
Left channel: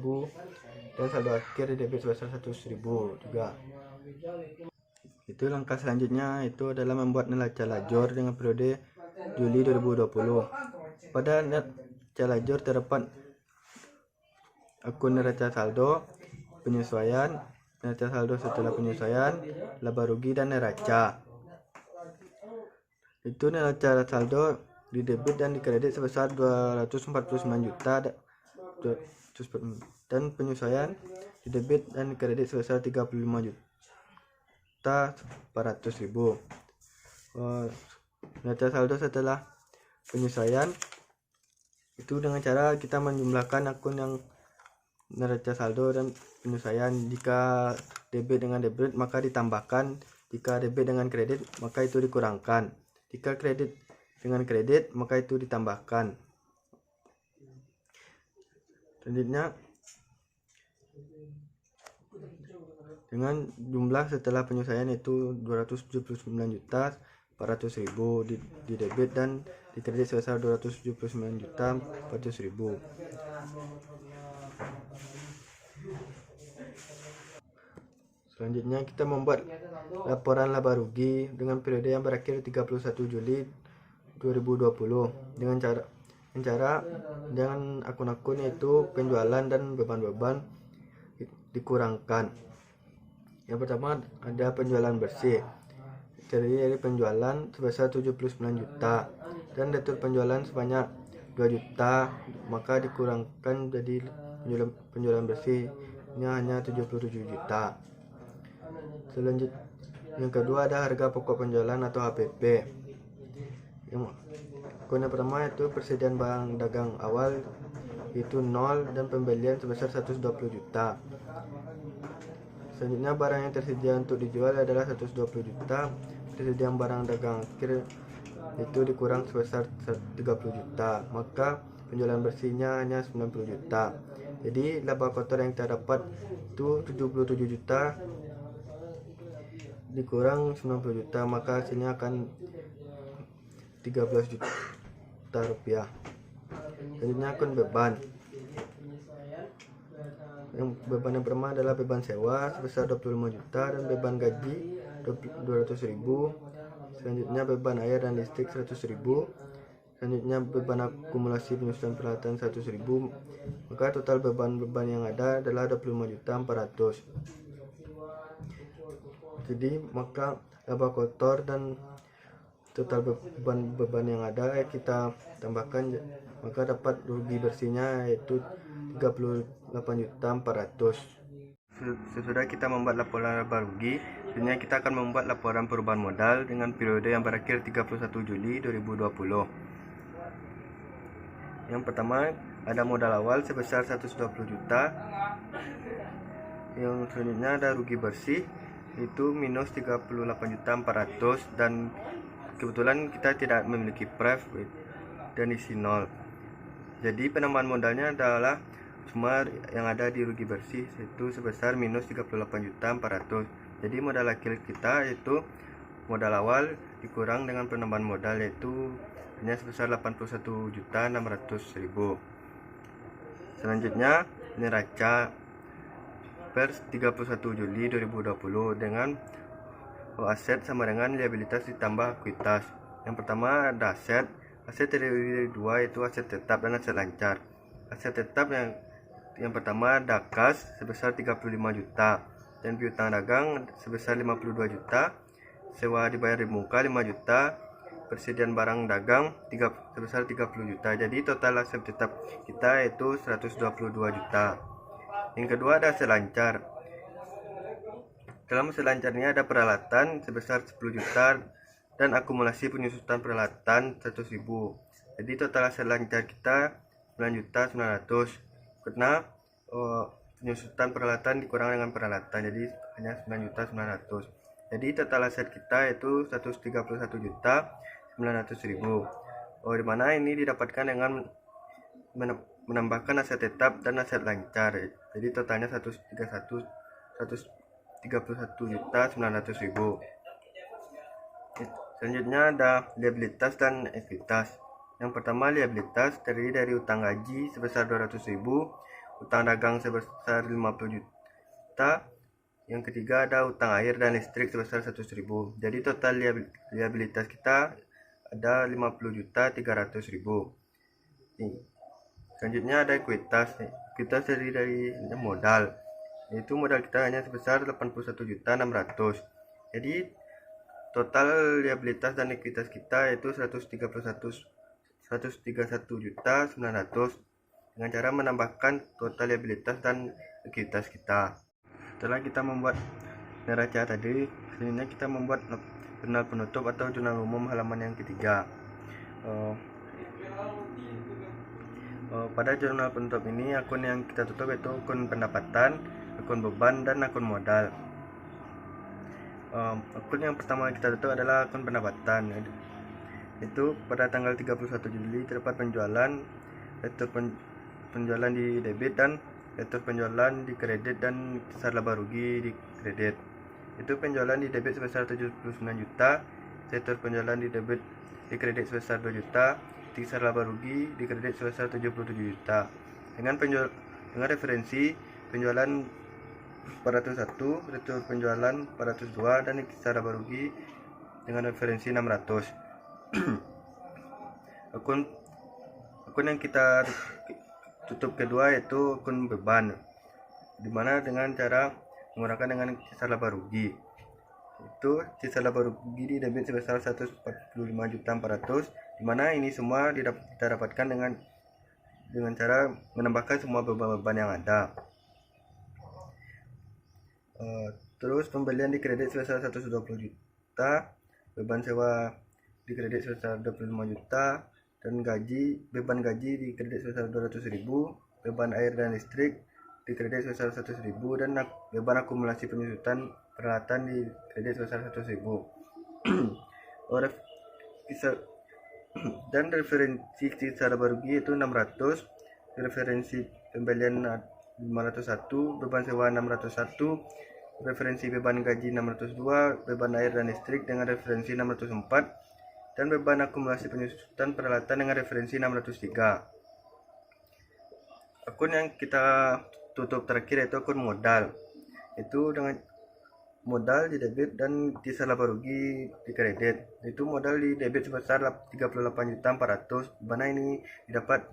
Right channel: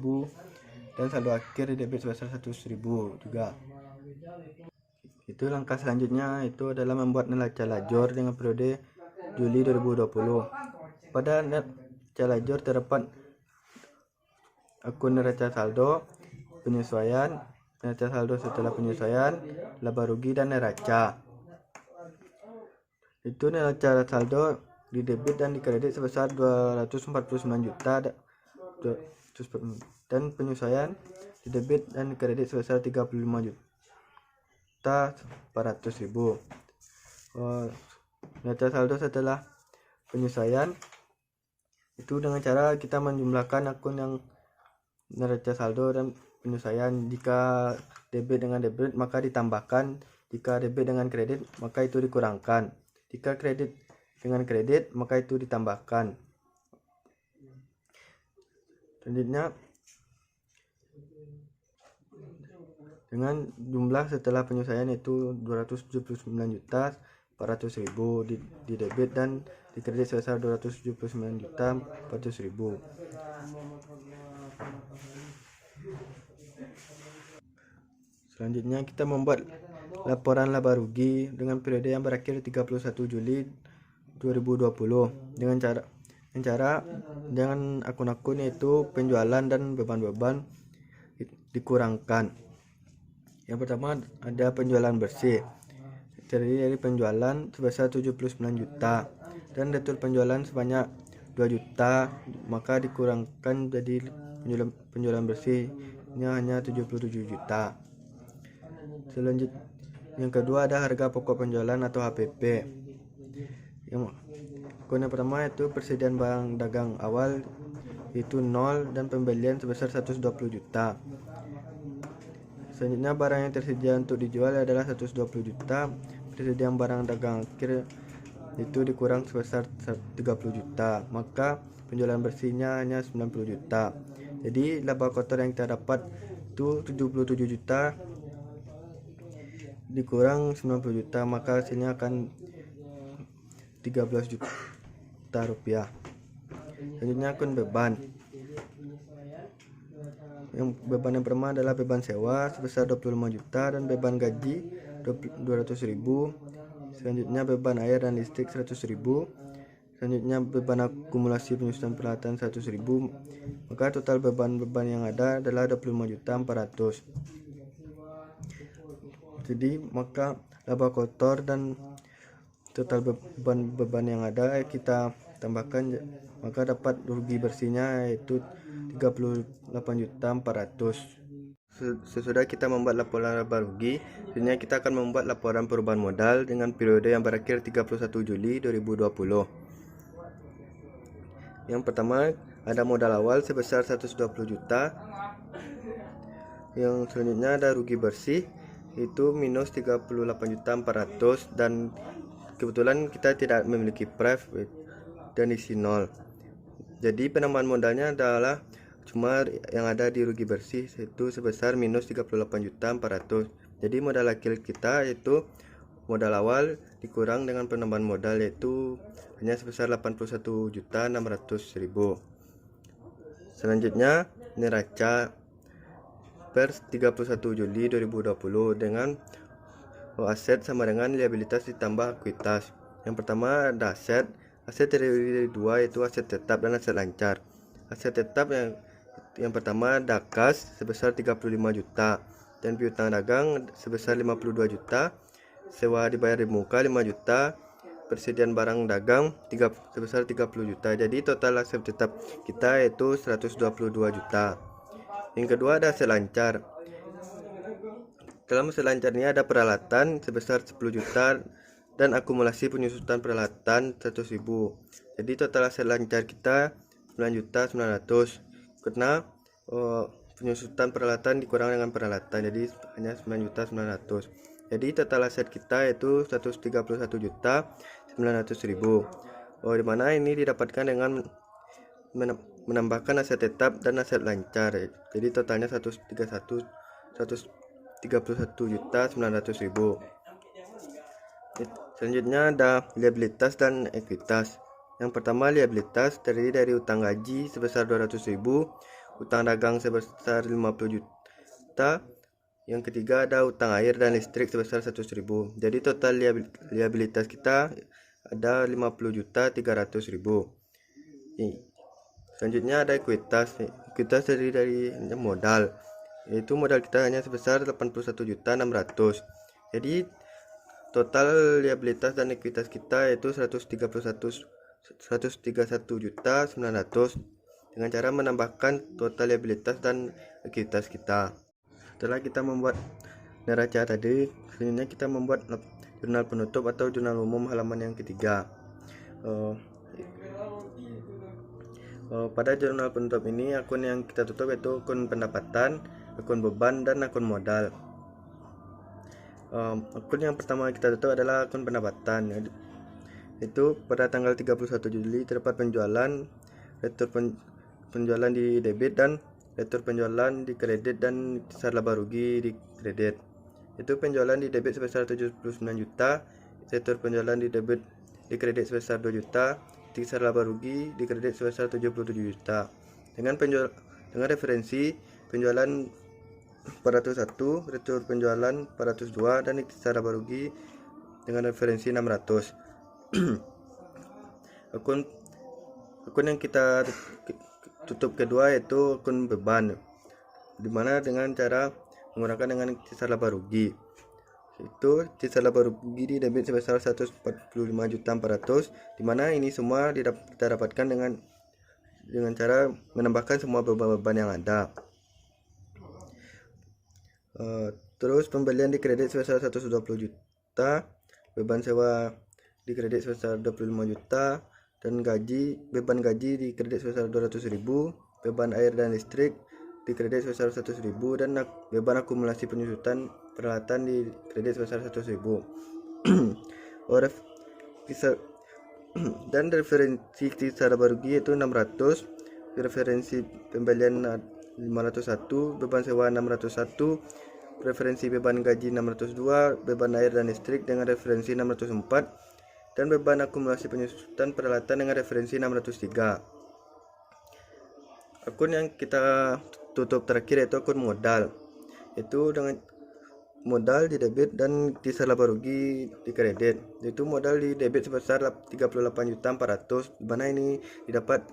dan saldo akhir di debit sebesar 100.000 juga. Itu langkah selanjutnya itu adalah membuat neraca lajur dengan periode Juli 2020. Pada neraca lajur terdapat akun neraca saldo, penyesuaian, neraca saldo setelah penyesuaian, laba rugi dan neraca. Itu neraca saldo di debit dan di kredit sebesar 249 juta dan penyesuaian di debit dan di kredit sebesar 35 juta 400.000. Neraca saldo setelah penyesuaian itu dengan cara kita menjumlahkan akun yang neraca saldo dan penyesuaian. Jika debit dengan debit maka ditambahkan, jika debit dengan kredit maka itu dikurangkan. Jika kredit dengan kredit maka itu ditambahkan. Selanjutnya dengan jumlah setelah penyesuaian itu 279.400.000 di debit dan di kredit sebesar 279.400.000. Selanjutnya kita membuat laporan laba rugi dengan periode yang berakhir 31 Juli 2020 dengan akun-akun yaitu penjualan dan beban-beban dikurangkan. Yang pertama ada penjualan bersih, terdiri dari penjualan sebesar 79 juta dan retur penjualan sebanyak 2 juta, maka dikurangkan jadi penjualan bersihnya hanya 77 juta. Selanjutnya yang kedua ada harga pokok penjualan atau HPP. Yang pertama itu persediaan barang dagang awal itu 0 dan pembelian sebesar 120 juta. Selanjutnya barang yang tersedia untuk dijual adalah 120 juta. Persediaan barang dagang akhir itu dikurang sebesar 30 juta, maka penjualan bersihnya hanya 90 juta. Jadi laba kotor yang kita dapat itu 77 juta dikurang 90 juta, maka hasilnya akan 13 juta rupiah. Selanjutnya akun beban. Yang beban yang pertama adalah beban sewa sebesar 25 juta dan beban gaji 200.000. Selanjutnya beban air dan listrik 100.000. Selanjutnya beban akumulasi penyusutan peralatan 100.000. Maka total beban-beban yang ada adalah 25.400.000. Jadi maka laba kotor dan total beban-beban yang ada kita tambahkan, maka dapat rugi bersihnya yaitu 38.400.000. Sesudah kita membuat laporan laba rugi, selanjutnya kita akan membuat laporan perubahan modal dengan periode yang berakhir 31 Juli 2020. Yang pertama ada modal awal sebesar 120 juta. Yang selanjutnya ada rugi bersih itu minus 38.400.000 dan kebetulan kita tidak memiliki pref dan isi 0. Jadi penambahan modalnya adalah cuma yang ada di rugi bersih itu sebesar minus 38.400.000. Jadi modal akhir kita yaitu modal awal dikurang dengan penambahan modal yaitu hanya sebesar 81.600.000. Selanjutnya neraca per 31 Juli 2020 dengan aset sama dengan liabilitas ditambah ekuitas. Yang pertama ada aset terdiri dari dua, yaitu aset tetap dan aset lancar. Aset tetap yang pertama ada kas sebesar 35 juta dan piutang dagang sebesar 52 juta, sewa dibayar di muka 5 juta, persediaan barang dagang sebesar 30 juta. Jadi total aset tetap kita yaitu 122 juta. Yang kedua ada aset lancar. Dalam aset lancar ini ada peralatan sebesar 10 juta dan akumulasi penyusutan peralatan 100.000. Jadi total aset lancar kita 9.900.000 karena penyusutan peralatan dikurang dengan peralatan, jadi hanya 9.900.000. Jadi total aset kita yaitu 131.900.000. Dimana ini didapatkan dengan menambahkan aset tetap dan aset lancar. Jadi totalnya 131.900.000. Selanjutnya ada liabilitas dan ekuitas. Yang pertama liabilitas terdiri dari utang gaji sebesar 200.000, utang dagang sebesar 50 juta. Yang ketiga ada utang air dan listrik sebesar 100.000. Jadi total liabilitas kita ada 50.300.000. Selanjutnya ada ekuitas. Ekuitas terdiri dari modal, yaitu modal kita hanya sebesar 81.600.000. Jadi total liabilitas dan ekuitas kita yaitu 131.900.000 dengan cara menambahkan total liabilitas dan ekuitas kita. Setelah kita membuat neraca tadi, selanjutnya kita membuat jurnal penutup atau jurnal umum halaman yang ketiga. Pada jurnal penutup ini akun yang kita tutup yaitu akun pendapatan, akun beban, dan akun modal. Akun yang pertama kita tutup adalah akun pendapatan. Itu pada tanggal 31 Juli terdapat penjualan, retur penjualan di debit dan retur penjualan di kredit dan besar laba rugi di kredit. Itu penjualan di debit sebesar 79 juta, retur penjualan di debit di kredit sebesar 2 juta, besar laba rugi di kredit sebesar 77 juta. Dengan referensi penjualan 401, retur penjualan 402 dan besar laba rugi dengan referensi 600. Akun yang kita tutup kedua yaitu akun beban, dimana dengan cara menggunakan dengan sisa laba rugi. Itu sisa laba rugi di debit sebesar 145.400.000, dimana ini semua kita dapatkan dengan cara menambahkan semua beban-beban yang ada. Terus pembelian di kredit sebesar 120 juta, beban sewa di kredit sebesar 25 juta, dan beban gaji di kredit sebesar 200.000, beban air dan listrik di kredit sebesar 100.000, dan beban akumulasi penyusutan peralatan di kredit sebesar 100.000. Dan referensi secara barugi itu 600, referensi pembelian 501, beban sewa 601, referensi beban gaji 602, beban air dan listrik dengan referensi 604, dan beban akumulasi penyusutan peralatan dengan referensi 603. Akun yang kita tutup terakhir yaitu akun modal. Itu dengan modal di debit dan di laba rugi di kredit. Itu modal di debit sebesar 38.400.000, di mana ini didapat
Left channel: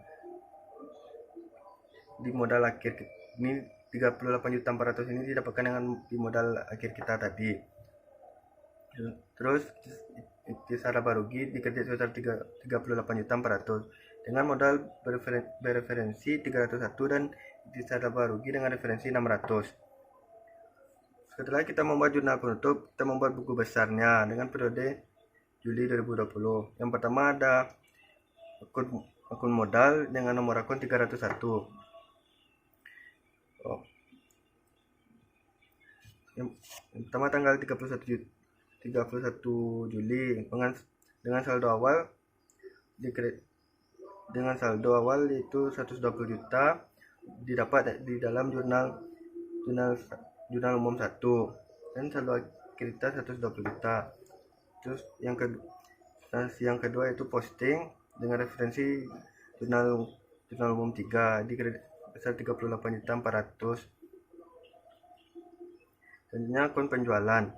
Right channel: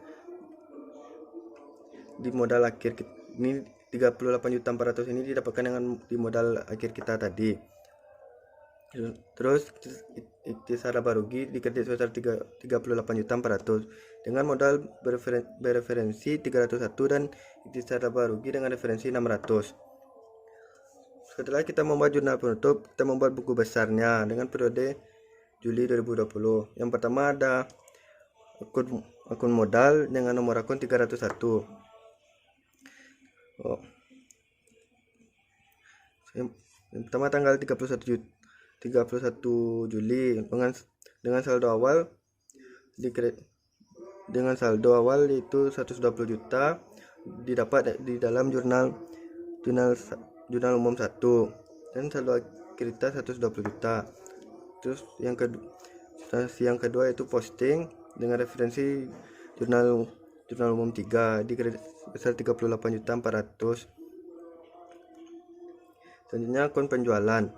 di modal akhir ini 38.400.000 ini didapatkan dengan di modal akhir kita tadi. Terus intisar laba rugi di kredit sebesar 38.400.000 dengan modal bereferensi 301 dan intisar laba rugi dengan referensi 600. Setelah kita membuat jurnal penutup, kita membuat buku besarnya dengan periode Juli 2020. Yang pertama ada akun modal dengan nomor akun 301. Yang pertama tanggal 31 Juli dengan saldo awal itu 120 juta didapat di dalam jurnal umum 1 dan saldo akhir kita 120 juta. Terus yang kedua itu posting dengan referensi jurnal umum 3 di kredit besar 38.400.000. Selanjutnya akun penjualan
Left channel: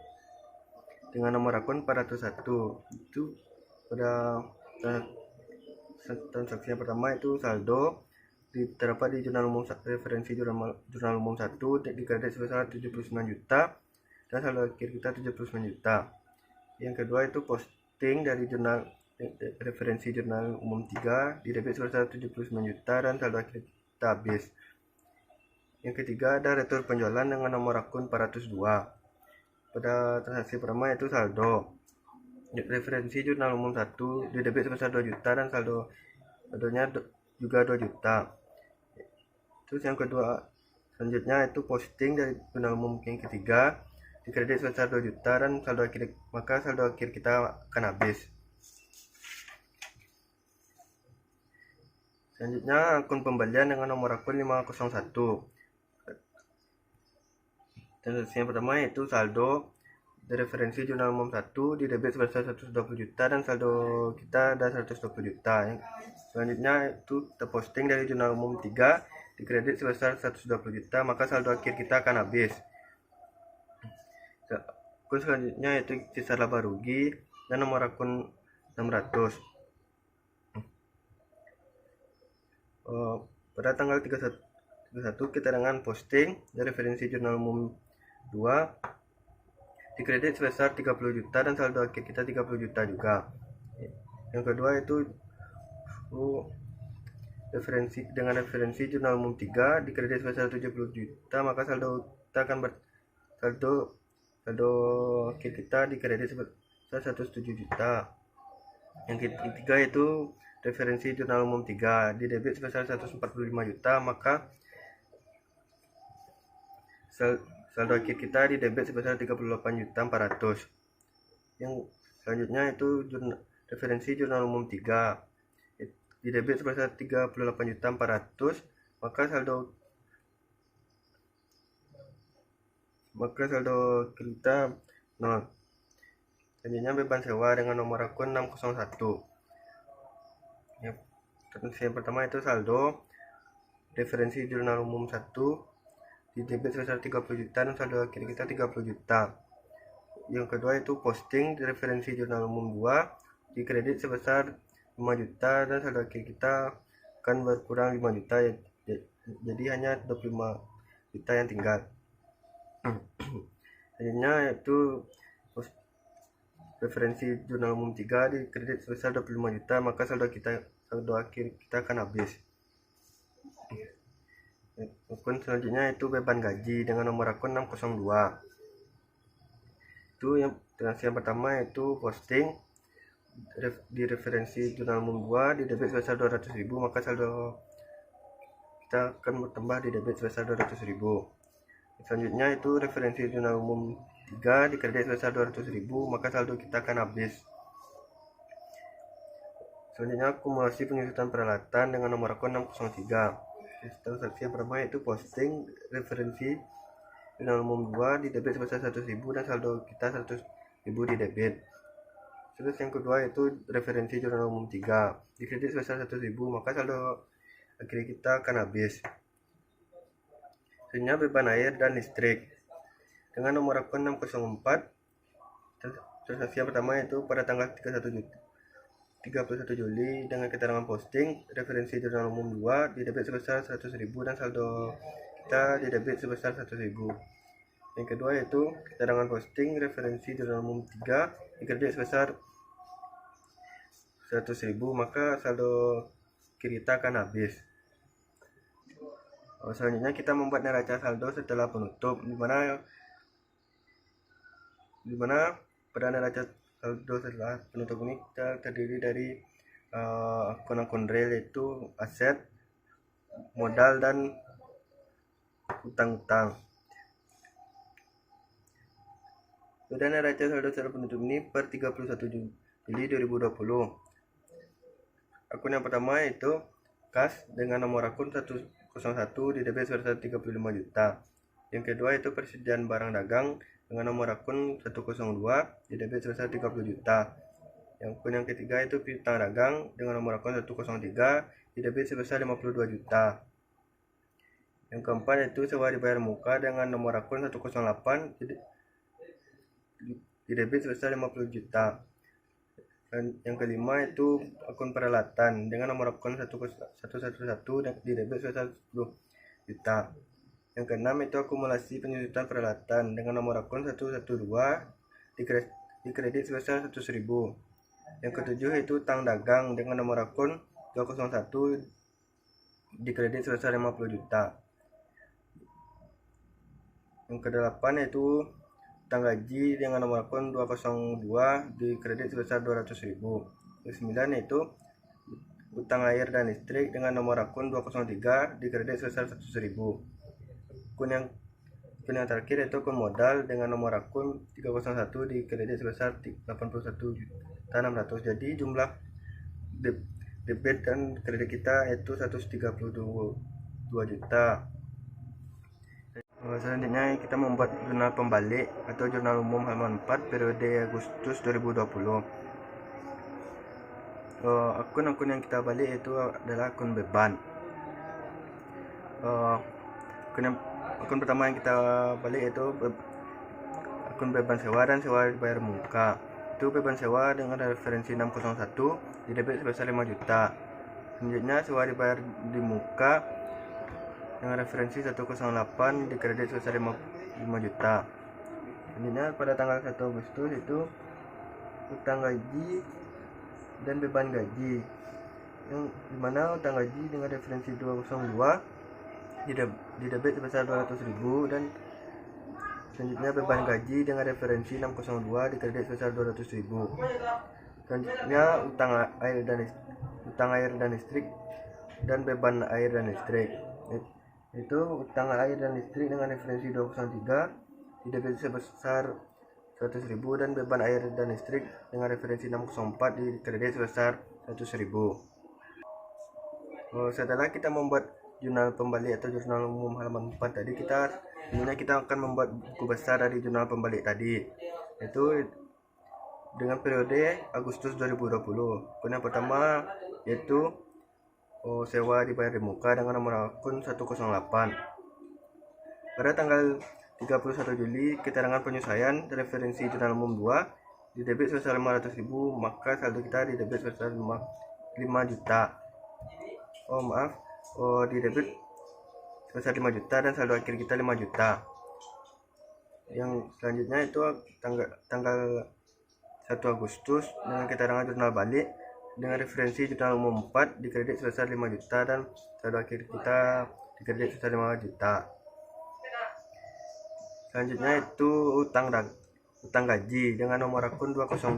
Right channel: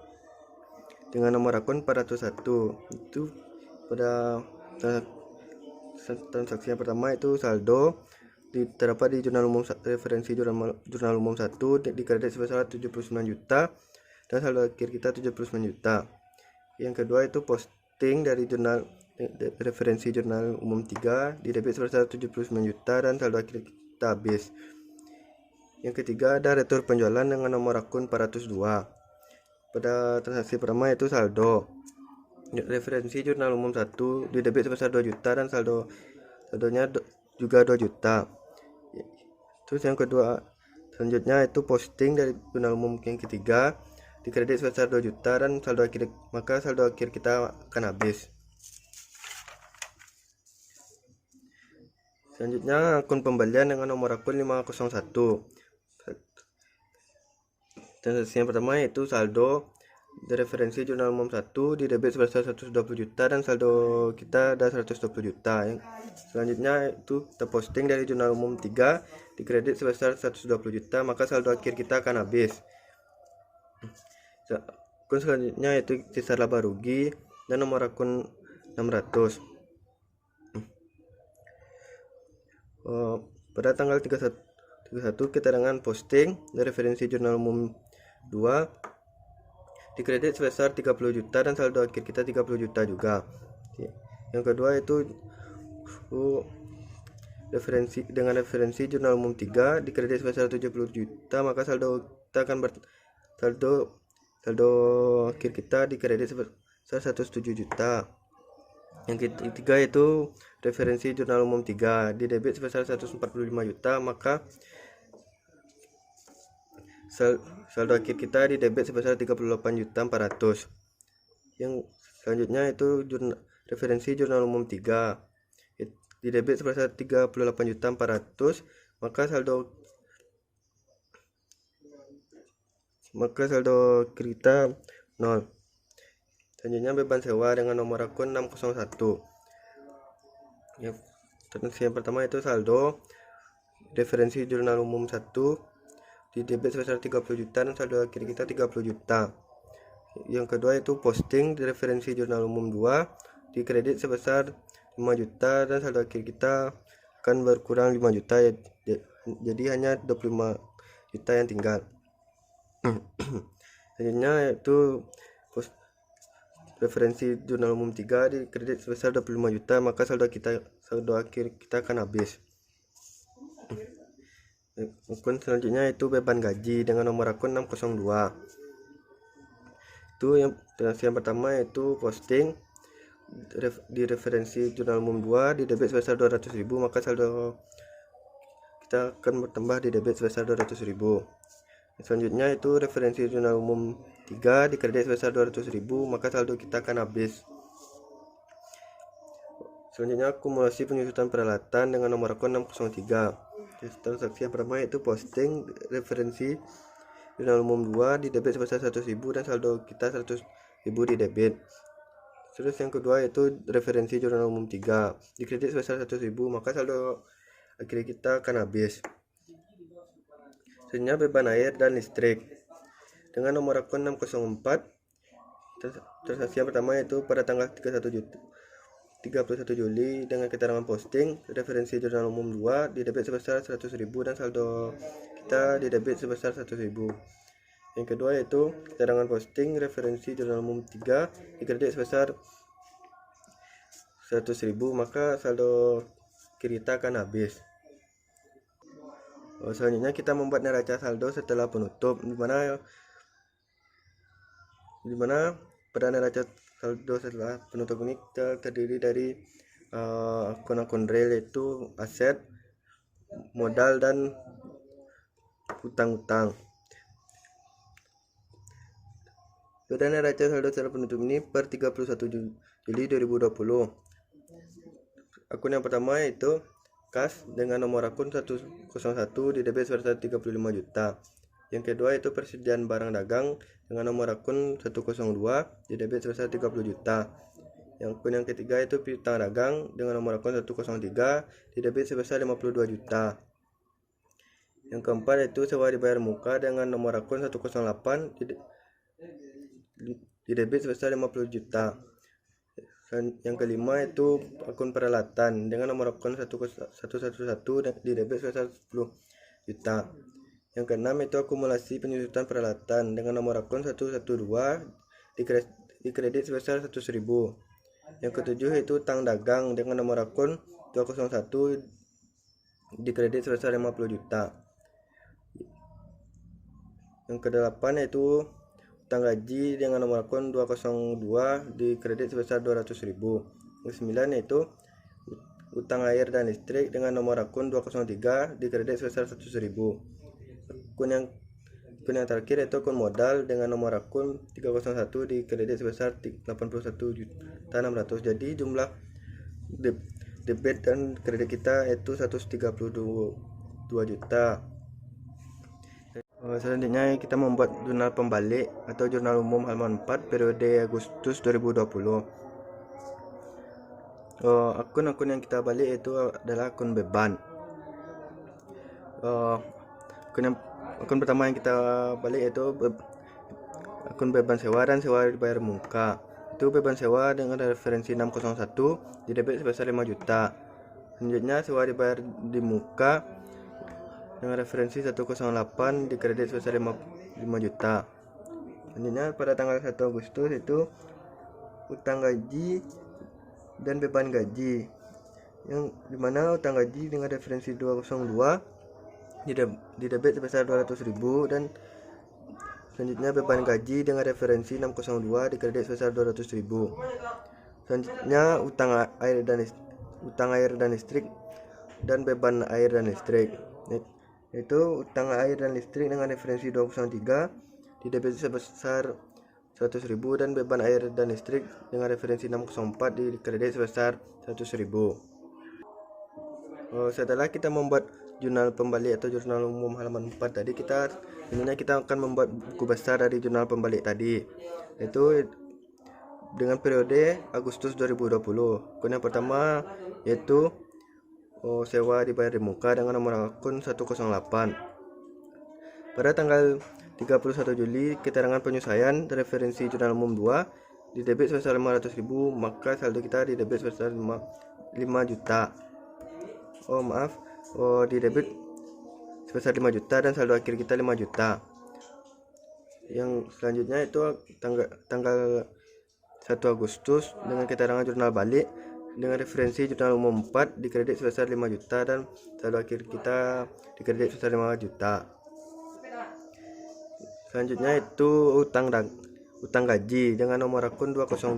dengan nomor akun 401. Itu pada transaksi yang pertama itu saldo terdapat di jurnal umum referensi jurnal umum 1 di kredit sebesar 79 juta dan saldo akhir kita 79 juta. Yang kedua itu posting dari referensi jurnal umum 3 di debit sebesar 79 juta dan saldo akhir kita habis. Yang ketiga ada retur penjualan dengan nomor akun 402. Pada transaksi pertama itu saldo referensi jurnal umum 1 di debit sebesar 2 juta dan saldonya juga 2 juta. Terus yang kedua selanjutnya itu posting dari jurnal umum yang ketiga di kredit sebesar 2 juta dan saldo akhir kita akan habis. Selanjutnya akun pembelian dengan nomor akun 501. Transaksi yang pertama yaitu saldo referensi jurnal umum 1 di debit sebesar 120 juta dan saldo kita ada 120 juta. Selanjutnya itu kita posting dari jurnal umum 3 di kredit sebesar 120 juta, maka saldo akhir kita akan habis. Akun selanjutnya yaitu sisa laba rugi dan nomor akun 600. Pada tanggal 31 kita dengan posting dari referensi jurnal umum 2 di kredit sebesar 30 juta dan saldo akhir kita 30 juta juga. Yang kedua itu referensi jurnal umum 3 di kredit sebesar 70 juta, maka saldo kita akan saldo akhir kita di kredit sebesar 107 juta. Yang ketiga itu referensi jurnal umum 3 di debit sebesar 145 juta, maka saldo akhir kita di debit sebesar 38.400.000. Yang selanjutnya itu referensi jurnal umum 3 di debit sebesar 38.400.000, maka saldo kita 0. Selanjutnya beban sewa dengan nomor akun 601. Yang pertama itu saldo referensi jurnal umum 1 di debit sebesar 30 juta dan saldo akhir kita 30 juta. Yang kedua itu posting di referensi jurnal umum 2 di kredit sebesar 5 juta dan saldo akhir kita akan berkurang 5 juta, jadi hanya 25 juta yang tinggal. Selanjutnya itu referensi jurnal umum 3 di kredit sebesar 25 juta, maka saldo akhir kita akan habis. Akun selanjutnya itu beban gaji dengan nomor akun 602. Itu yang pertama itu posting di referensi jurnal umum 2 di debit sebesar 200.000, maka saldo kita akan bertambah di debit sebesar 200.000. Selanjutnya itu referensi jurnal umum 3 di kredit sebesar 200.000, maka saldo kita akan habis. Selanjutnya akumulasi penyusutan peralatan dengan nomor akun 603. Transaksi yang pertama yaitu posting referensi jurnal umum 2 di debit sebesar 100.000 dan saldo kita 100.000 di debit. Terus yang kedua yaitu referensi jurnal umum 3 di kredit sebesar 100.000, maka saldo akhir kita akan habis. Selanjutnya beban air dan listrik dengan nomor akun 604. Transaksi yang pertama yaitu pada tanggal 31 Juli dengan keterangan posting referensi jurnal umum 2 di debit sebesar 100.000 dan saldo kita di debit sebesar 100.000. Yang kedua yaitu keterangan posting referensi jurnal umum 3 di kredit sebesar 100.000, maka saldo kita akan habis. Selanjutnya kita membuat neraca saldo setelah penutup, dimana pada neraca saldo setelah penutup ini kita terdiri dari akun-akun real yaitu aset, modal, dan utang-utang. Pada neraca saldo setelah penutup ini per 31 Juli 2020. Akun yang pertama yaitu kas dengan nomor akun 101 di debit sebesar 35 juta. Yang kedua itu persediaan barang dagang dengan nomor akun 102 di debit sebesar 30 juta. Yang akun yang ketiga itu piutang dagang dengan nomor akun 103 di debit sebesar 52 juta. Yang keempat itu sewa dibayar muka dengan nomor akun 108 di debit sebesar 50 juta. Yang kelima itu akun peralatan dengan nomor akun 111 di debit sebesar 10 juta. Yang keenam itu akumulasi penyusutan peralatan dengan nomor akun 112 di kredit sebesar 100.000. Yang ketujuh itu utang dagang dengan nomor akun 201 di kredit sebesar 50 juta. Yang kedelapan itu utang gaji dengan nomor akun 202 di kredit sebesar 200.000. Yang sembilan yaitu utang air dan listrik dengan nomor akun 203 di kredit sebesar 100.000. Akun yang terakhir yaitu akun modal dengan nomor akun 301 di kredit sebesar 81.600. Jadi jumlah debit dan kredit kita itu 132 juta. Selanjutnya kita membuat jurnal pembalik atau jurnal umum halaman 4 periode Agustus 2020. Akun-akun yang kita balik itu adalah akun beban. Akun pertama yang kita balik itu akun beban sewa dan sewa dibayar muka. Itu beban sewa dengan referensi 601 di debit sebesar 5 juta. Selanjutnya sewa dibayar di muka dengan referensi 108 di kredit sebesar 5 juta. Selanjutnya pada tanggal 1 Agustus itu utang gaji dan beban gaji, yang dimana utang gaji dengan referensi 202 di debit sebesar 200.000 dan selanjutnya beban gaji dengan referensi 602 di kredit sebesar 200.000. Selanjutnya utang air dan listrik dan beban air dan listrik, itu utang air dan listrik dengan referensi 203 di debit sebesar 100.000 dan beban air dan listrik dengan referensi 604 di kredit sebesar 100.000. Setelah kita membuat jurnal pembalik atau jurnal umum halaman 4 tadi, kita akan membuat buku besar dari jurnal pembalik tadi, yaitu dengan periode Agustus 2020. Akun yang pertama yaitu sewa dibayar di muka dengan nomor akun 108. Pada tanggal 31 Juli keterangan penyelesaian referensi jurnal umum 2 di debit sebesar 500.000, maka saldo kita di debit sebesar 5 juta. Di debit sebesar 5 juta dan saldo akhir kita 5 juta. Yang selanjutnya itu tanggal 1 Agustus dengan keterangan jurnal balik dengan referensi jurnal umum 4 di kredit sebesar 5 juta dan saldo akhir kita di kredit sebesar 5 juta. Selanjutnya itu utang gaji dengan nomor akun 202.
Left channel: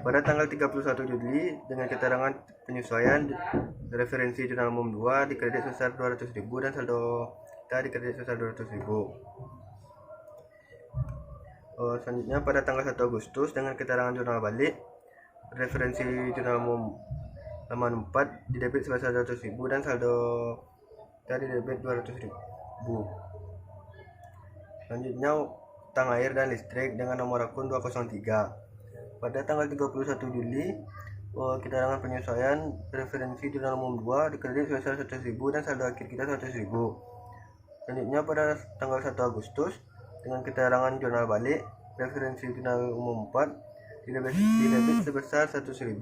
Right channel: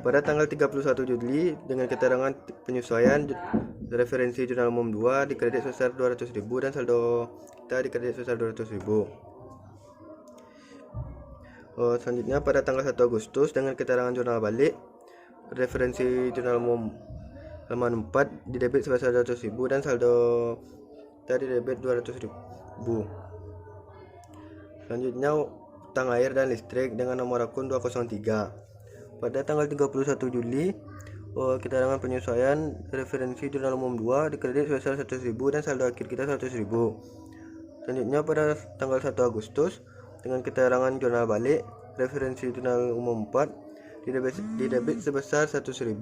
Pada tanggal 31 Juli dengan keterangan penyesuaian referensi jurnal umum 2 di kredit sebesar 200.000 dan saldo kita di kredit sebesar 200.000. Selanjutnya pada tanggal 1 Agustus dengan keterangan jurnal balik referensi jurnal umum halaman 4 di debit sebesar 200.000 dan saldo tadi debit 200.000. Selanjutnya utang air dan listrik dengan nomor akun 203. Pada tanggal 31 Juli keterangan penyesuaian referensi jurnal umum 2 dikredit sebesar 100.000 dan saldo akhir kita 100.000. Selanjutnya pada tanggal 1 Agustus dengan keterangan jurnal balik referensi jurnal umum 4 didebit sebesar 100.000.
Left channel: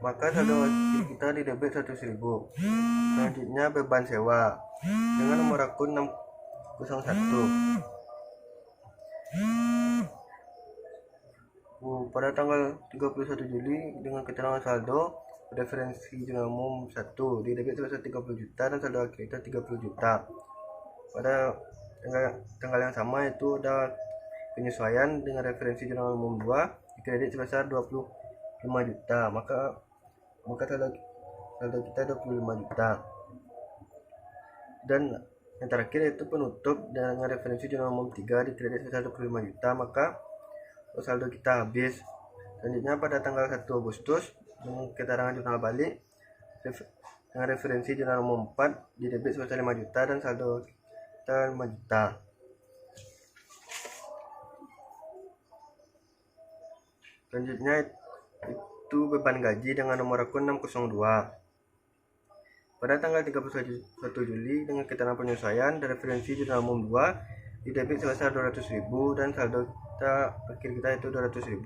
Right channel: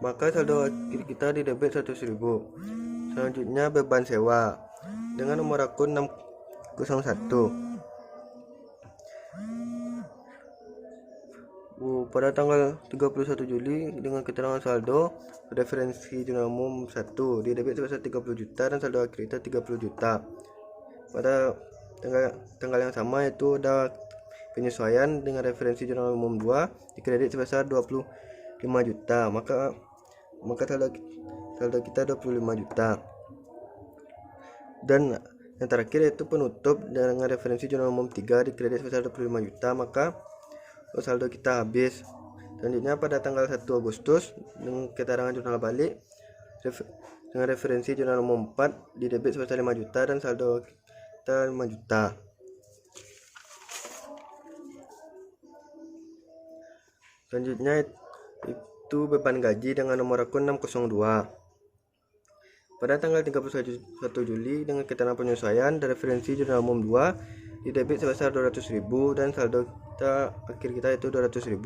Maka saldo akhir kita didebit 100.000. Selanjutnya beban sewa dengan nomor akun 601. Pada tanggal 31 Juli dengan keterangan saldo referensi jurnal umum 1 didebit sebesar 30 juta dan saldo akhir kita 30 juta. Pada tanggal yang sama itu ada penyesuaian dengan referensi jurnal umum 2 dikredit sebesar 25 juta. Maka saldo kita 25 juta. Dan yang terakhir yaitu penutup dengan referensi jurnal umum 3 dikredit sebesar 25 juta, maka saldo kita habis. Selanjutnya pada tanggal 1 Agustus dengan keterangan jurnal balik dengan referensi jurnal umum 4 didebit sebesar 5 juta dan saldo kita 5 juta. Selanjutnya itu beban gaji dengan nomor akun 602. Pada tanggal 31 Juli dengan keterangan penyesuaian dan referensi jurnal umum 2 didebit sebesar 200.000 dan saldo kita akhir kita itu 200.000.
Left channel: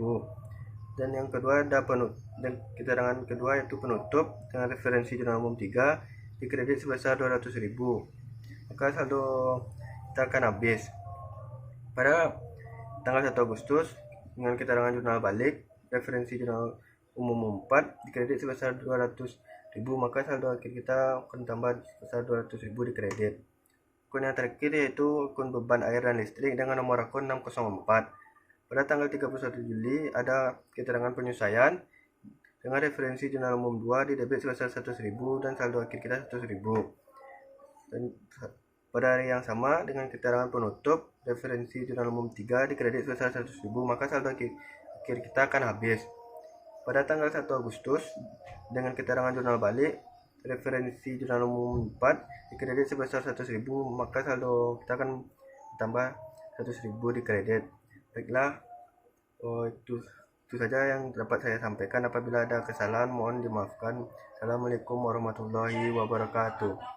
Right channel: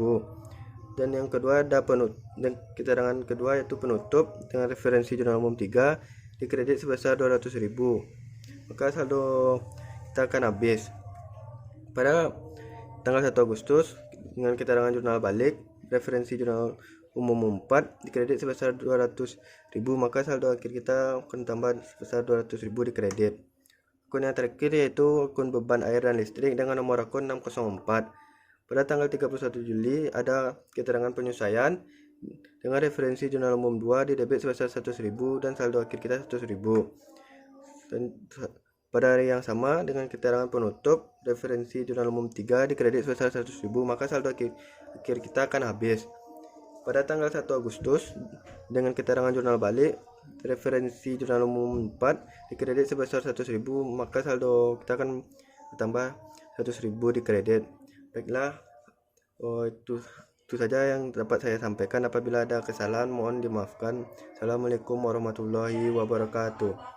Dan yang kedua ada keterangan kedua yaitu penutup dengan referensi jurnal umum 3 dikredit sebesar 200.000. Maka saldo kita akan habis. Pada tanggal 1 Agustus dengan keterangan jurnal balik referensi jurnal umum 4 dikredit sebesar 200.000, maka saldo akhir kita akan tambah sebesar 200.000 di kredit. Akun yang terakhir yaitu akun beban air dan listrik dengan nomor akun 604. Pada tanggal 31 Juli ada keterangan penyesuaian dengan referensi jurnal umum 2 di debit sebesar 100.000 dan saldo akhir kita 100.000. Dan pada hari yang sama dengan keterangan penutup referensi jurnal umum 3 di kredit sebesar 100.000, maka saldo akhir kita akan habis. Pada tanggal 1 Agustus dengan keterangan jurnal balik referensi jurnal umum 4 di kredit sebesar 100.000, maka saldo kita akan bertambah 100.000 di kredit. Baiklah, itu saja yang dapat saya sampaikan. Apabila ada kesalahan mohon dimaafkan. Assalamualaikum warahmatullahi wabarakatuh.